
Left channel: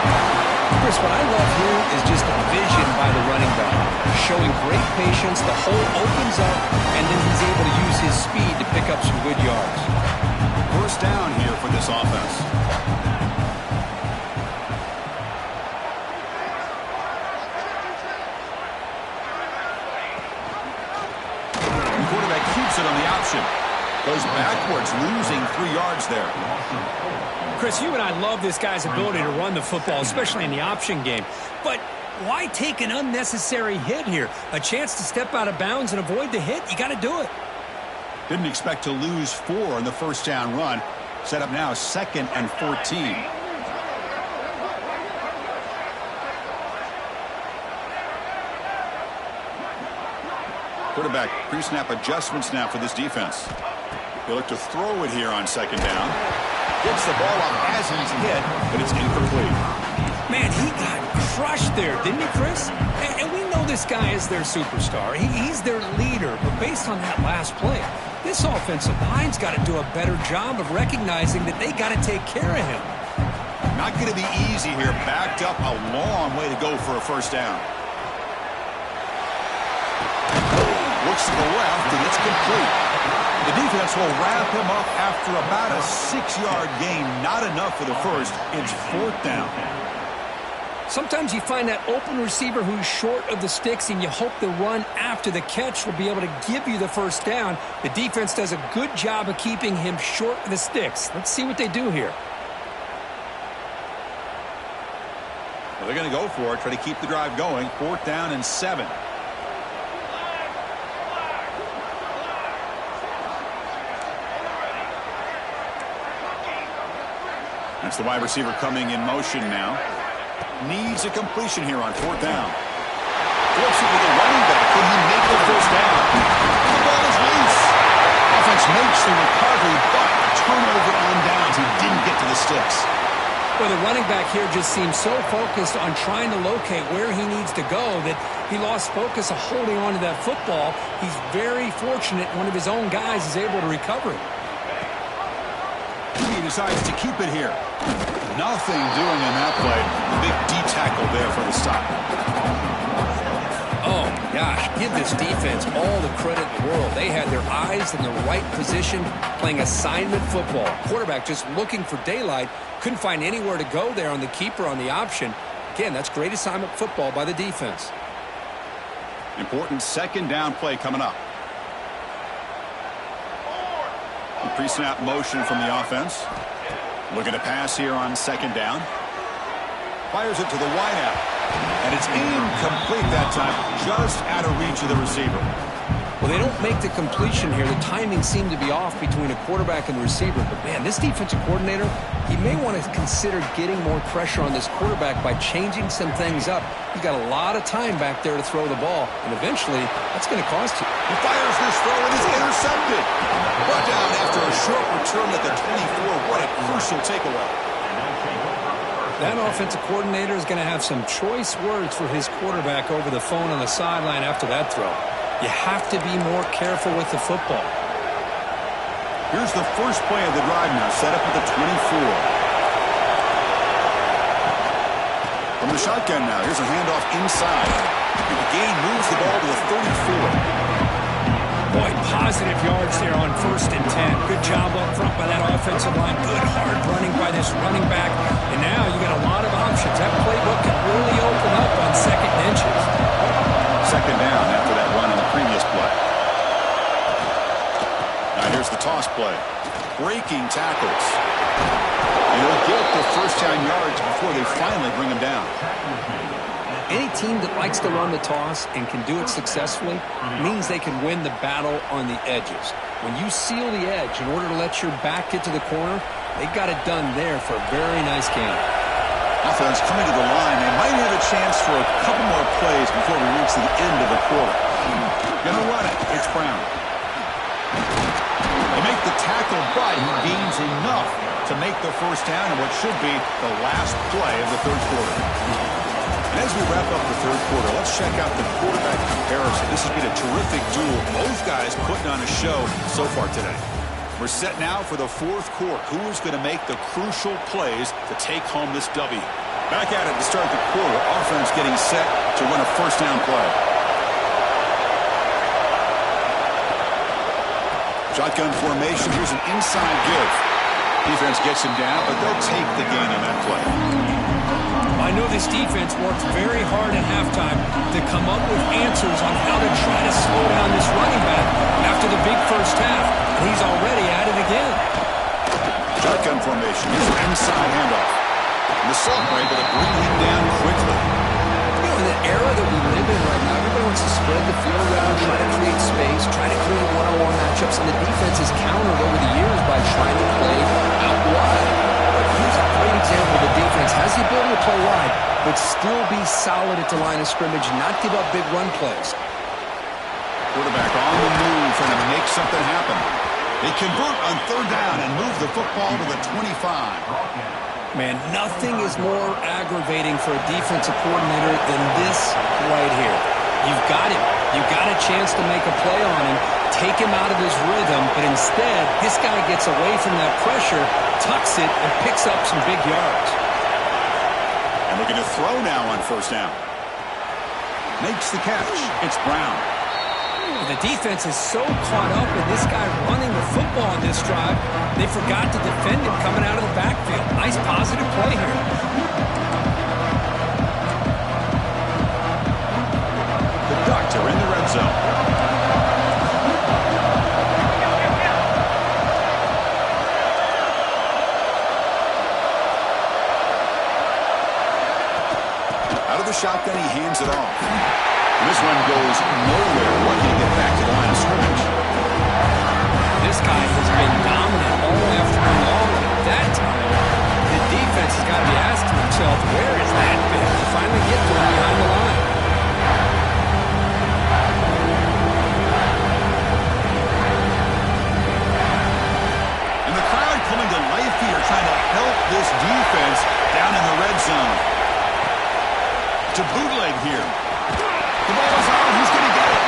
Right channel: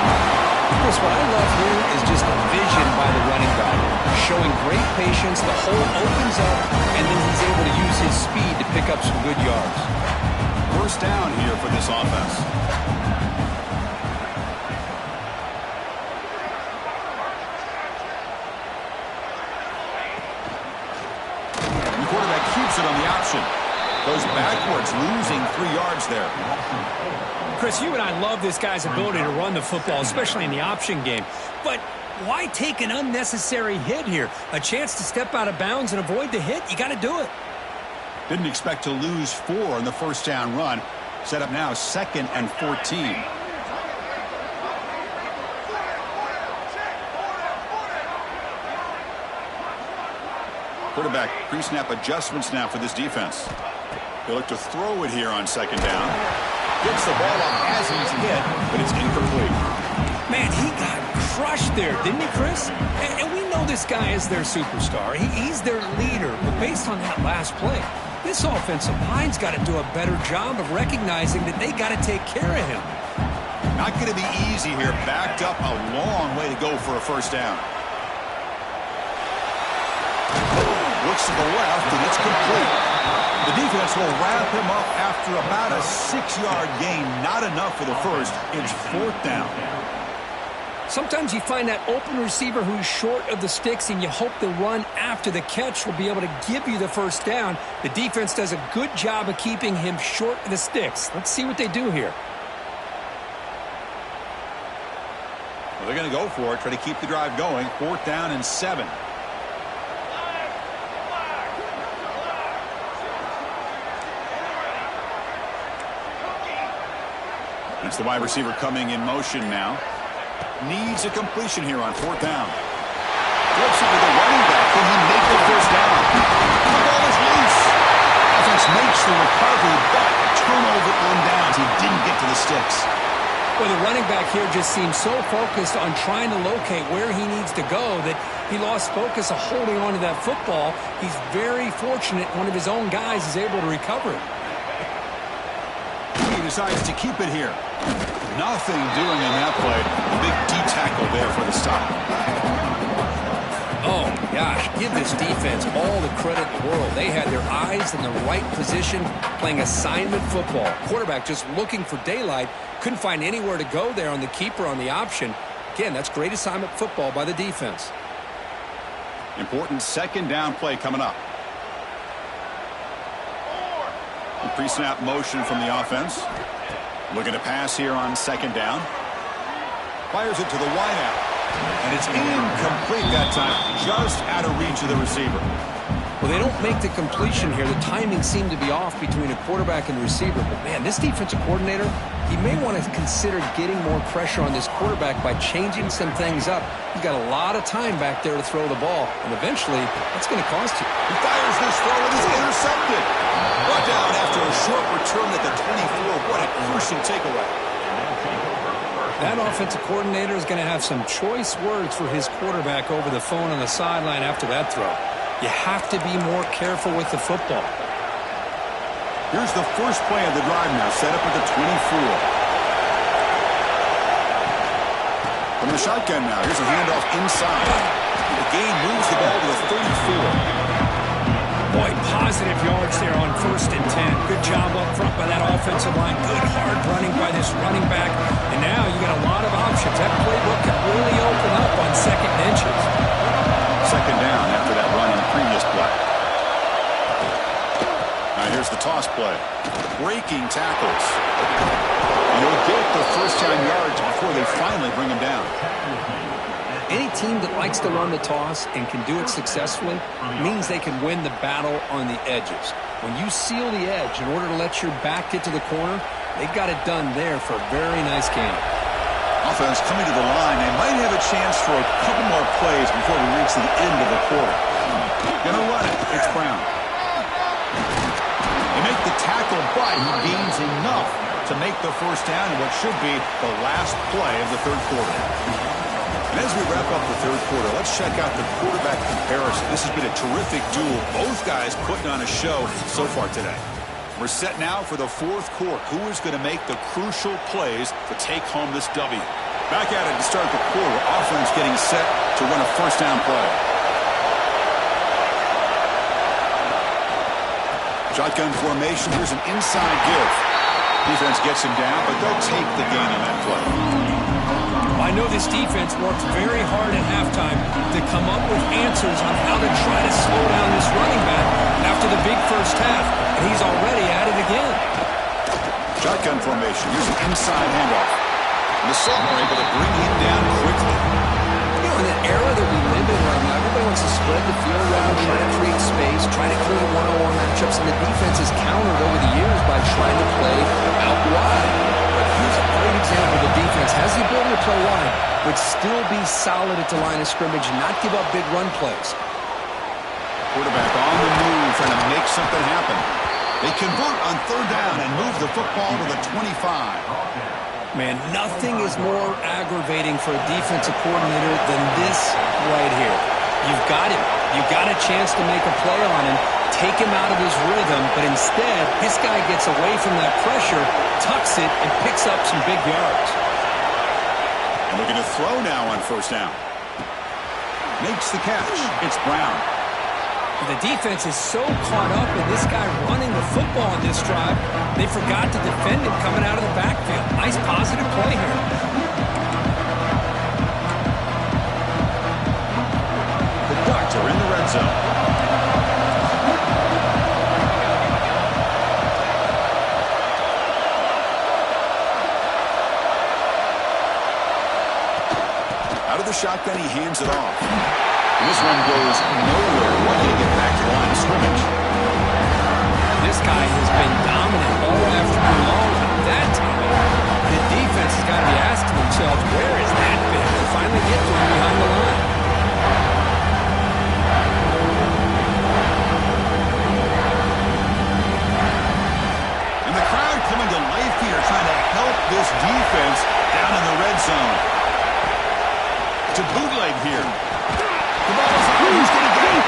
Chris, what I love here is just the vision by the running back, showing great patience. The hole opens up, and then he's able to use his speed to pick up some good yards. First down here for this offense. The quarterback keeps it on the option. Goes backwards, losing 3 yards there. Chris, you and I love this guy's ability to run the football, especially in the option game. But why take an unnecessary hit here? A chance to step out of bounds and avoid the hit? You got to do it. Didn't expect to lose 4 on the first down run. Set up now 2nd and 14. Quarterback pre-snap adjustments now for this defense. They look to throw it here on 2nd down. Gets the ball up as he's hit, but it's incomplete. Man, he got crushed there, didn't he, Chris? And we know this guy is their superstar. He's their leader. But based on that last play, this offensive line's got to do a better job of recognizing that they got to take care of him. Not going to be easy here. Backed up a long way to go for a first down. Looks to the left, and it's complete. The defense will wrap him up after about a 6-yard gain. Not enough for the first. It's 4th down. Sometimes you find that open receiver who's short of the sticks, and you hope the run after the catch will be able to give you the first down. The defense does a good job of keeping him short of the sticks. Let's see what they do here. Well, they're going to go for it, try to keep the drive going. 4th down and 7. That's the wide receiver coming in motion now. Needs a completion here on 4th down. Flips it to the running back. Can he make the first down? The ball is loose. Offense makes the recovery, but a turnover on downs. He didn't get to the sticks. Well, the running back here just seems so focused on trying to locate where he needs to go that he lost focus of holding on to that football. He's very fortunate one of his own guys is able to recover it. He decides to keep it here. Nothing doing in that play. The big D tackle there for the stop. Oh, my gosh. Give this defense all the credit in the world. They had their eyes in the right position playing assignment football. Quarterback just looking for daylight. Couldn't find anywhere to go there on the keeper on the option. Again, that's great assignment football by the defense. Important 2nd down play coming up. Pre-snap motion from the offense. Looking to pass here on 2nd down. Fires it to the wideout. And it's incomplete that time. Just out of reach of the receiver. Well, they don't make the completion here. The timing seemed to be off between a quarterback and receiver. But, man, this defensive coordinator, he may want to consider getting more pressure on this quarterback by changing some things up. He's got a lot of time back there to throw the ball. And eventually, that's going to cost you. He fires this throw and is intercepted. Brought down after a short return at the 24. What a crucial takeaway. That offensive coordinator is going to have some choice words for his quarterback over the phone on the sideline after that throw. You have to be more careful with the football. Here's the first play of the drive now, set up at the 24. From the shotgun now, here's a handoff inside. The gain moves the ball to the 34. Boy, positive yards there on 1st and 10. Good job up front by that offensive line. Good hard running by this running back. And now you got a lot of options. That playbook can really open up on 2nd and inches. 2nd down after that run on the previous play. Now here's the toss play. Breaking tackles. And he'll get the first down yards before they finally bring him down. Any team that likes to run the toss and can do it successfully means they can win the battle on the edges. When you seal the edge in order to let your back get to the corner, they got it done there for a very nice game. Offense coming to the line. They might have a chance for a couple more plays before we reach the end of the quarter. Gonna run it. It's Brown. They make the tackle, but he gains enough to make the first down in what should be the last play of the third quarter. And as we wrap up the third quarter, let's check out the quarterback comparison. This has been a terrific duel. Both guys putting on a show so far today. We're set now for the fourth quarter. Who is going to make the crucial plays to take home this W? Back at it to start the quarter. Offense getting set to run a first down play. Shotgun formation. Here's an inside give. Defense gets him down, but they'll take the gain on that play. I know this defense worked very hard at halftime to come up with answers on how to try to slow down this running back after the big first half, and he's already at it again. Shotgun formation. Here's an inside handoff. And the Sultan were able to bring him down quickly. You know, in the era that we live in right now, everybody wants to spread the field around, try to create space, try to create one-on-one matchups, and the defense has countered over the years by trying to play out wide. But here's a great example. The defense has the ability to play wide, but still be solid at the line of scrimmage, not give up big run plays. Quarterback on the move, trying to make something happen. They convert on third down and move the football to the 25. Man, nothing is more aggravating for a defensive coordinator than this right here. You've got him. You've got a chance to make a play on him, take him out of his rhythm, but instead, this guy gets away from that pressure, tucks it, and picks up some big yards. And looking to throw now on first down. Makes the catch. It's Brown. The defense is so caught up in this guy running the football on this drive, they forgot to defend him coming out of the backfield. Nice positive play here. The Ducks are in the red zone. Out of the shotgun, he hands it off. And this one goes nowhere. Lucky to get back to the line of scrimmage. This guy has been dominant all afternoon long. But that time, the defense has got to be asking themselves, where is that bit to finally get to him behind the line? And the crowd coming to life here, trying to help this defense down in the red zone. To bootleg here. The ball is out. Who's going to get it?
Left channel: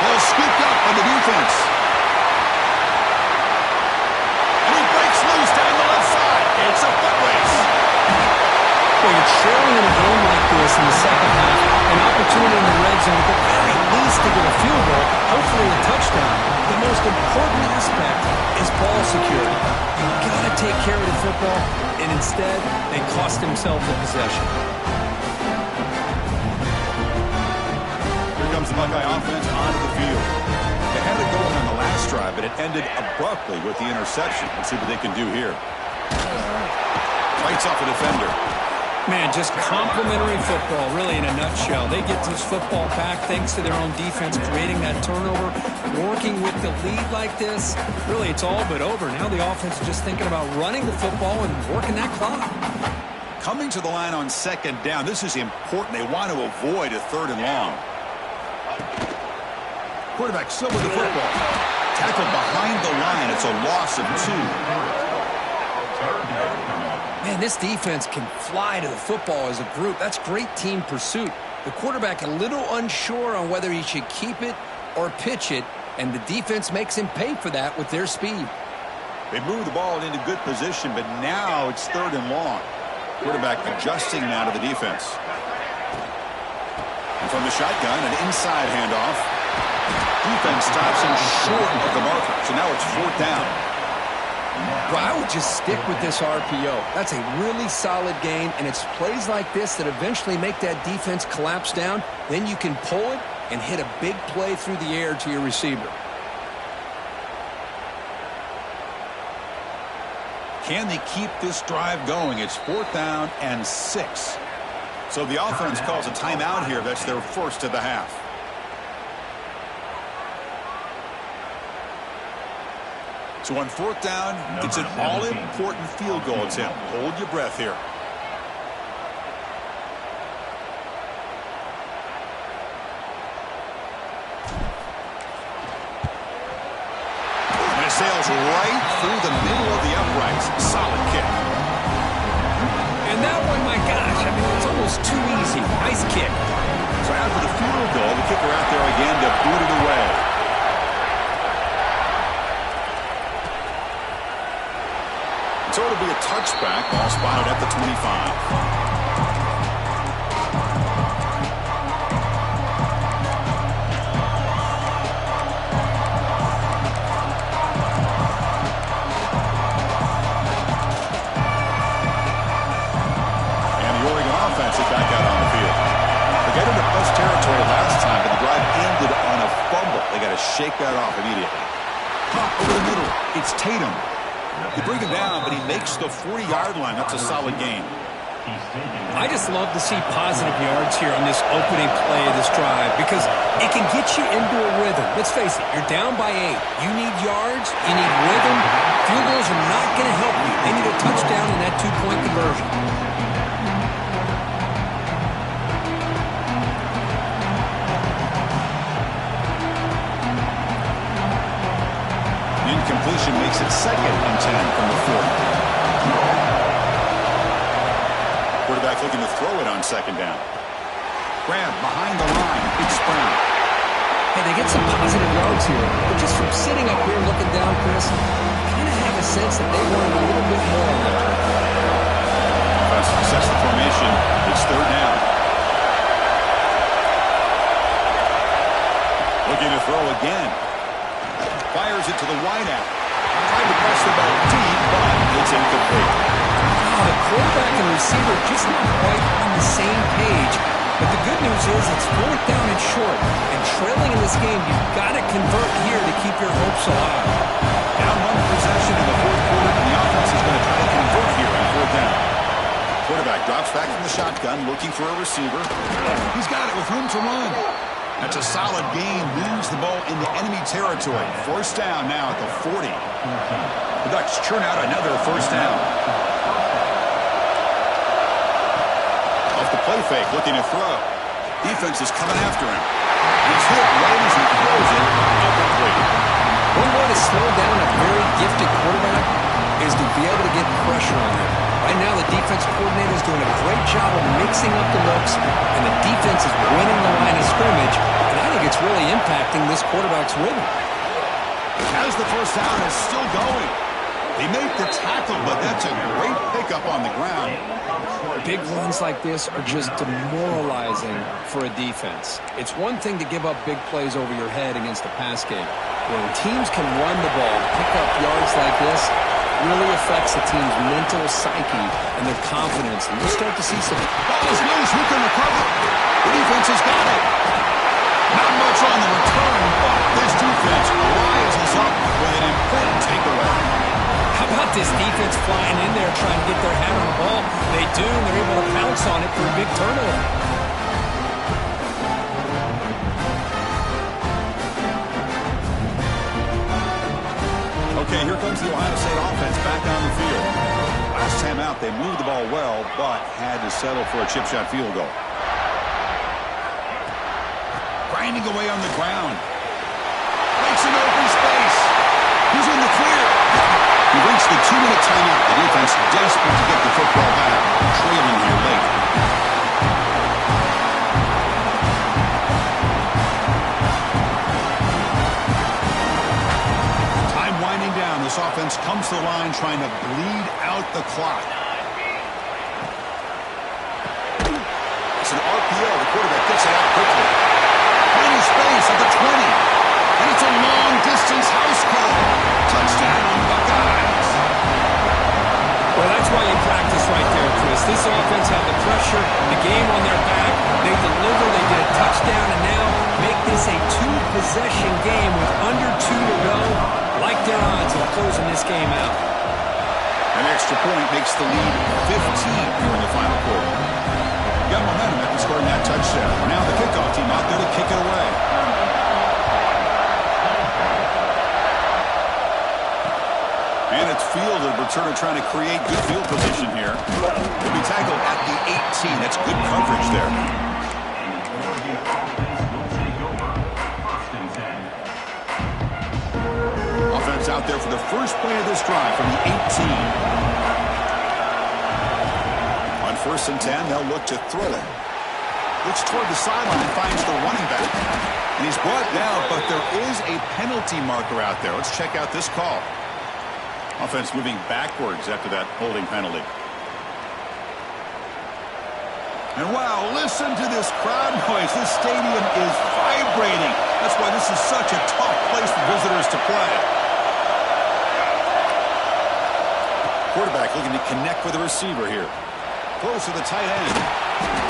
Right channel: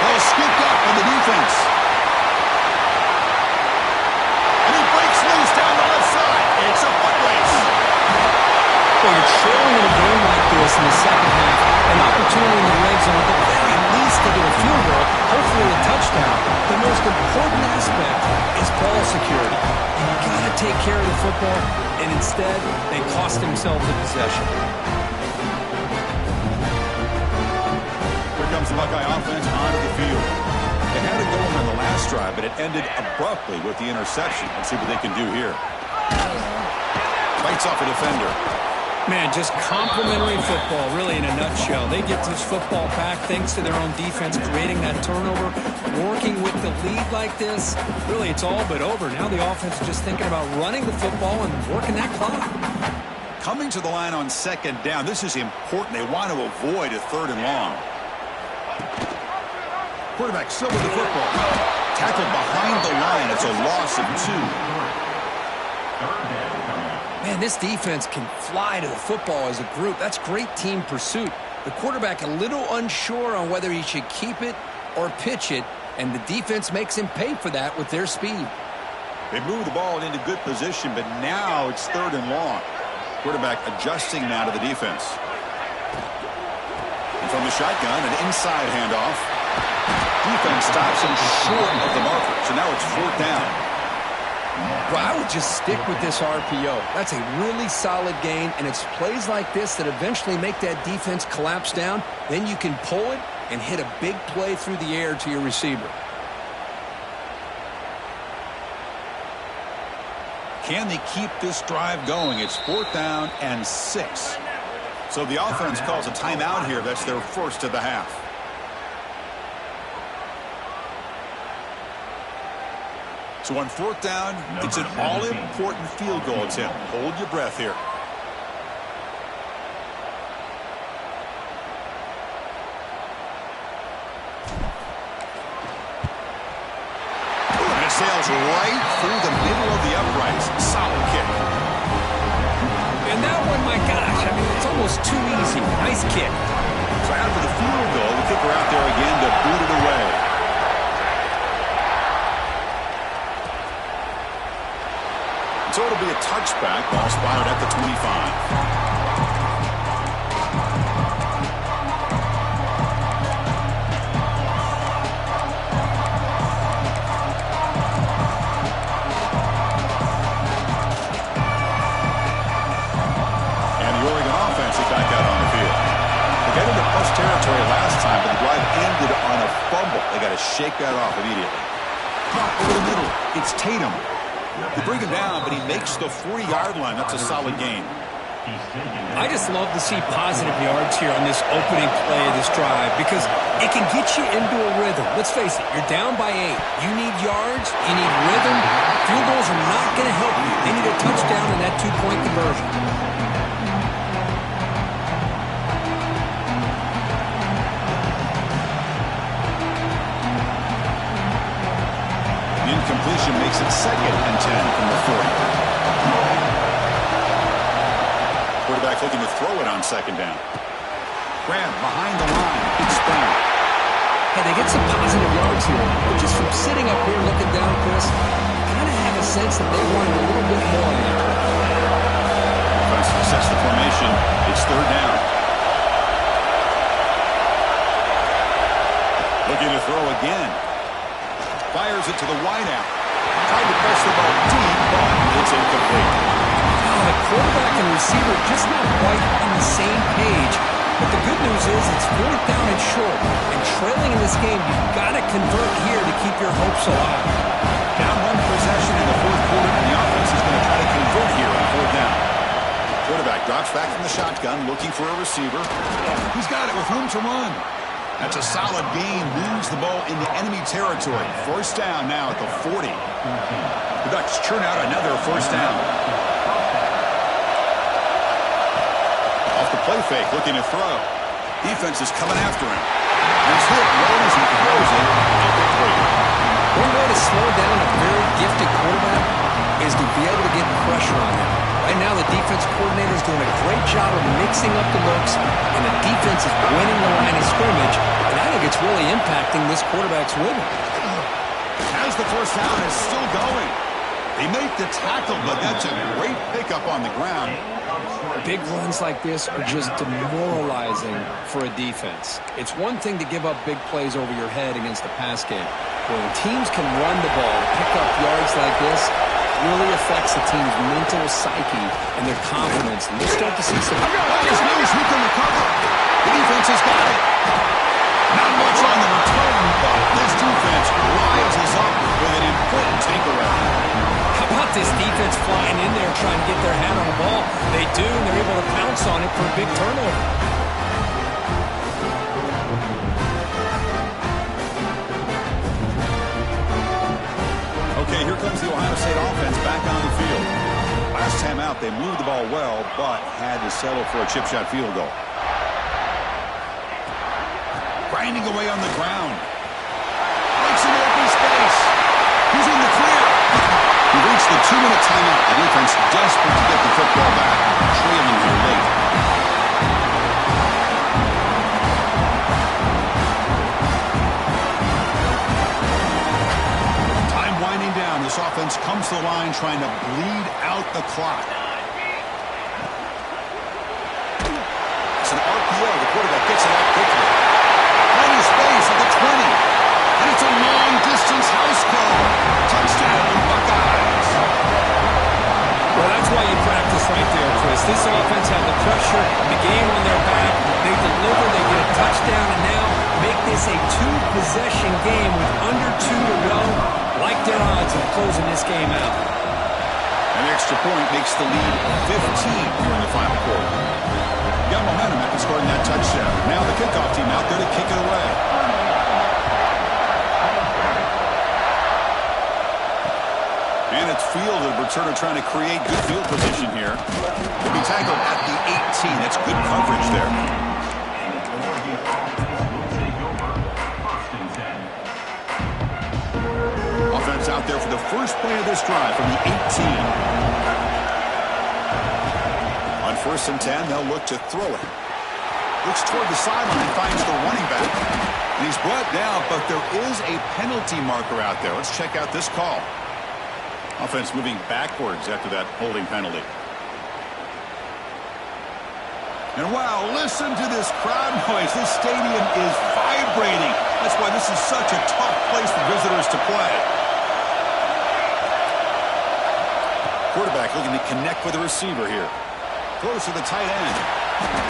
Ball scooped up by the defense. And he breaks loose down the left side. It's a foot race. Well, you're trailing in a game like this in the second half, an opportunity in the red zone, at the very least to get a field goal, hopefully a touchdown. The most important aspect is ball security. You've got to take care of the football, and instead, they cost themselves a possession. Comes the Buckeye offense onto the field. They had it going on the last drive, but it ended abruptly with the interception. Let's see what they can do here. Fights off a defender. Man, just complimentary football, really, in a nutshell. They get this football back thanks to their own defense, creating that turnover, working with the lead like this. Really, it's all but over. Now the offense is just thinking about running the football and working that clock. Coming to the line on second down, this is important. They want to avoid a third and long. Quarterback still with the football. Tackled behind the line. It's a loss of 2. Man, this defense can fly to the football as a group. That's great team pursuit. The quarterback a little unsure on whether he should keep it or pitch it, and the defense makes him pay for that with their speed. They move the ball into good position, but now it's third and long. Quarterback adjusting now to the defense. And from the shotgun, an inside handoff. Defense stops him short of the marker. So now it's fourth down. Well, I would just stick with this RPO. That's a really solid gain, and it's plays like this that eventually make that defense collapse down. Then you can pull it and hit a big play through the air to your receiver. Can they keep this drive going? It's fourth down and 6. So the offense calls a timeout here. That's their first of the half. So on fourth down, it's an all-important field goal attempt. Hold your breath here. sails right through the middle of the uprights. Solid kick. And that one, my gosh, I mean, it's almost too easy. Nice kick. So after the field goal, the kicker out there again to boot it away. So it'll be a touchback. Ball spotted at the 25. Back out on the field. They got into plus territory last time, but the drive ended on a fumble. They got to shake that off immediately. Caught over the middle. It's Tatum. They bring him down, but he makes the 40-yard line. That's a solid gain. I just love to see positive yards here on this opening play of this drive because it can get you into a rhythm. Let's face it, you're down by 8. You need yards, you need rhythm. Field goals are not going to help you. They need a touchdown in that 2-point conversion. Incompletion makes it 2nd and 10 from the 40. Quarterback looking to throw it on 2nd down. Grab behind the line. It's Brown. Hey, they get some positive yards here, but just from sitting up here looking down, Chris, kind of have a sense that they wanted a little bit more on that trip. Offense sets the formation. It's 3rd down. Looking to throw again. Fires it to the wideout. Tried to press the ball deep, but it's incomplete. Oh, the quarterback and receiver just not quite on the same page. But the good news is it's 4th down and short. And trailing in this game, you've got to convert here to keep your hopes alive. Down 1 possession in the 4th quarter, and the offense is going to try to convert here on 4th down. Quarterback drops back from the shotgun, looking for a receiver. He's got it with room to run. That's a solid gain. Moves the ball into enemy territory. 1st down now at the 40. The Ducks churn out another 1st down. Off the play fake, looking to throw. Defense is coming after him. He's hit right as he throws it. Incomplete. One way to slow down a very gifted quarterback is to be able to get pressure on him. Right now, the defense coordinator is doing a great job of mixing up the looks, and the defense is winning the line of scrimmage, and I think it's really impacting this quarterback's rhythm. Has the 1st down, is still going. They make the tackle, but that's a great pickup on the ground. Big runs like this are just demoralizing for a defense. It's one thing to give up big plays over your head against the pass game. When teams can run the ball, pick up yards like this, really affects the team's mental psyche and their confidence. And you'll start to see some... Ball is loose. Who can recover? The defense has got it. Not much on the return, but this defense rises up with an important takeaway. How about this defense flying in there trying to get their hand on the ball? They do, and they're able to pounce on it for a big turnover. Okay, here comes the Ohio State offense back on the field. Last time out, they moved the ball well, but had to settle for a chip shot field goal. Grinding away on the ground. Makes an open space. He's in the clear. He reached the 2-minute timeout. The defense desperate to get the football back. Trailing here late. Winding down, this offense comes to the line trying to bleed out the clock. It's an RPO. The quarterback gets it out quickly. Finding space at the 20. And it's a long-distance house call. Touchdown, Buckeyes. Well, that's why you practice right there, Chris. This offense had the pressure, the game on their back. They deliver, they get a touchdown, and now make this a 2-possession game with under 2 to go. Like their odds of closing this game out. An extra point makes the lead 15 here in the final quarter. Got momentum after scoring that touchdown. Now the kickoff team out there to kick it away. And it's fielded. Returner trying to create good field position here. Will be tackled at the 18. That's good coverage there. is out there for the first play of this drive from the 18. On 1st and 10, they'll look to throw it. Looks toward the sideline, finds the running back. And he's brought down, but there is a penalty marker out there. Let's check out this call. Offense moving backwards after that holding penalty. And wow, listen to this crowd noise. This stadium is vibrating. That's why this is such a tough place for visitors to play. Quarterback looking to connect with the receiver here. Throws to the tight end.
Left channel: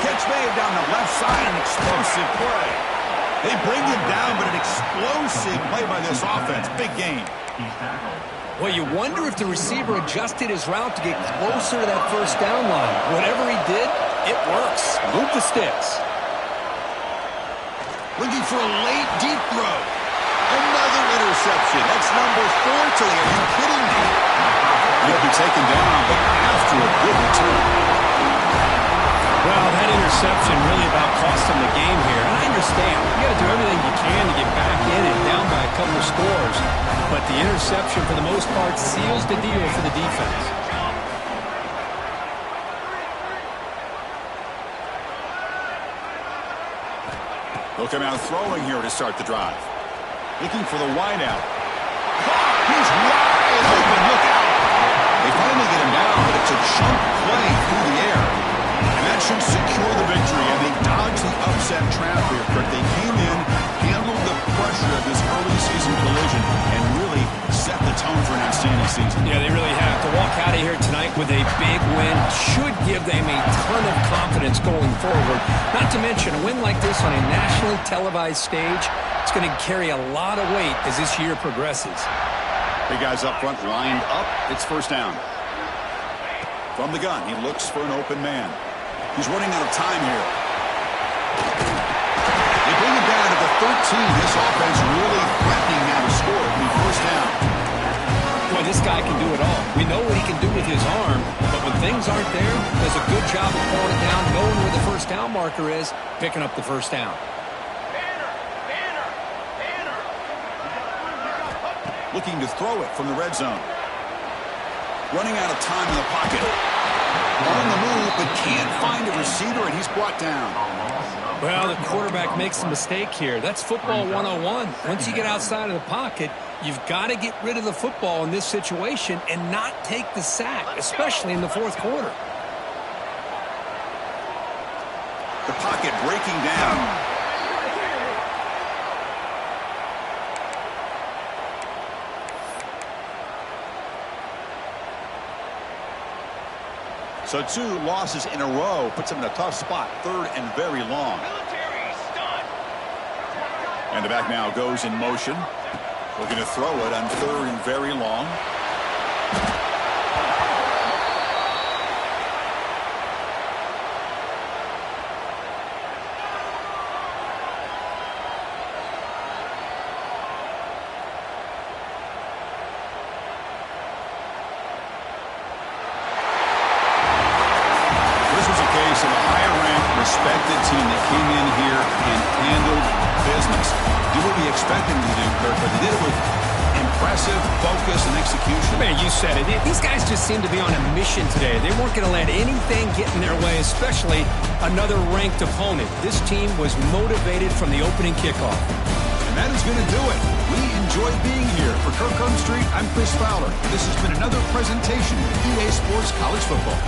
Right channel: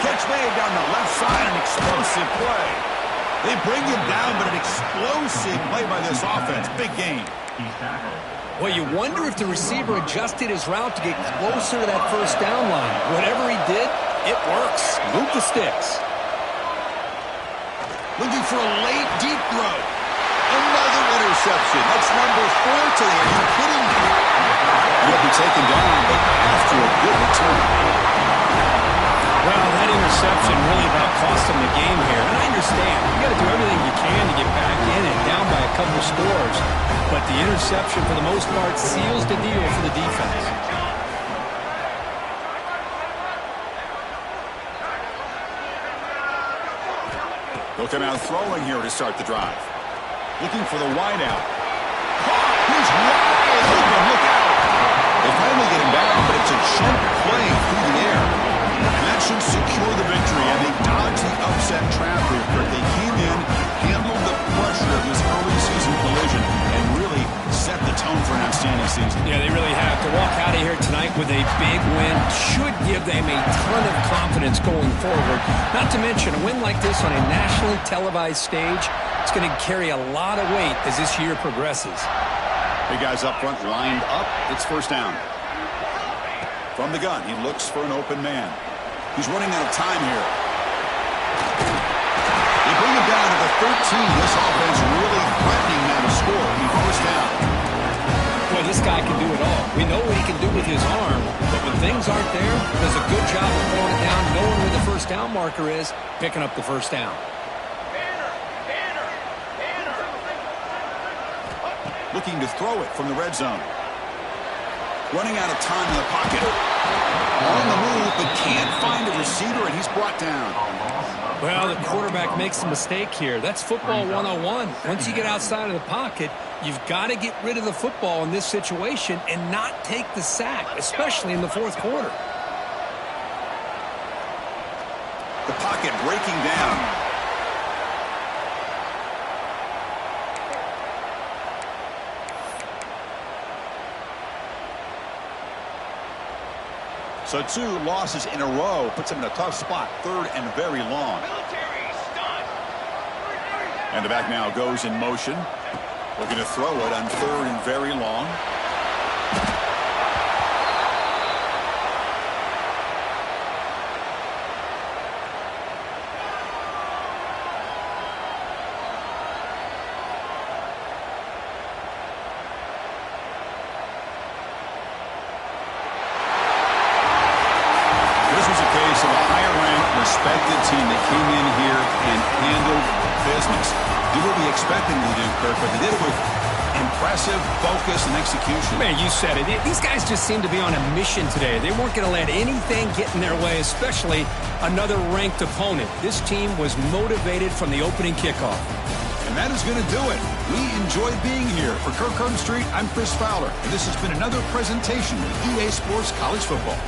Catch made down the left side, an explosive play. They bring him down, but an explosive play by this offense. Big game. Well, you wonder if the receiver adjusted his route to get closer to that first down line. Whatever he did, it works. Move the sticks. Looking for a late, deep throw. Another interception. That's number 4 today. Are you kidding me? He'll be taken down, but after a good return. Well, that interception really about cost him the game here. And I understand. You got to do everything you can to get back in and down by a couple of scores. But the interception, for the most part, seals the deal for the defense. They'll come out throwing here to start the drive. Looking for the wideout. Caught! He's wide open. Look out! They finally get him down, but it's a chunk play through the air. And that should secure the victory. And they dodged the upset trap here, Kirk. They came in, handled the pressure of this early season collision, and really set the tone for an outstanding season. Yeah, they really have. To walk out of here tonight with a big win should give them a ton of confidence going forward. Not to mention, a win like this on a nationally televised stage, it's going to carry a lot of weight as this year progresses. Big guys up front lined up. It's first down. From the gun, he looks for an open man. He's running out of time here. They bring him down to the 13. This offense really threatening now to score. It'll be first down. Well, this guy can do it all. We know what he can do with his arm, but when things aren't there, does a good job of pulling it down, knowing where the first down marker is, picking up the first down. Looking to throw it from the red zone. Running out of time in the pocket. On the move, but can't find a receiver, and he's brought down. Well, the quarterback makes a mistake here. That's football 101. Once you get outside of the pocket, you've got to get rid of the football in this situation and not take the sack, especially in the fourth quarter. The pocket breaking down. So 2 losses in a row puts him in a tough spot. 3rd and very long. And the back now goes in motion. Looking to throw it on 3rd and very long. This was a case of a higher-ranked, respected team that came in here and handled business. Do what we expected them to do, Kirk, but they did it with impressive focus and execution. Man, you said it. These guys just seem to be on a mission today. They weren't going to let anything get in their way, especially another ranked opponent. This team was motivated from the opening kickoff. And that is going to do it. We enjoyed being here. For Kirk Street, I'm Chris Fowler, and this has been another presentation of EA Sports College Football.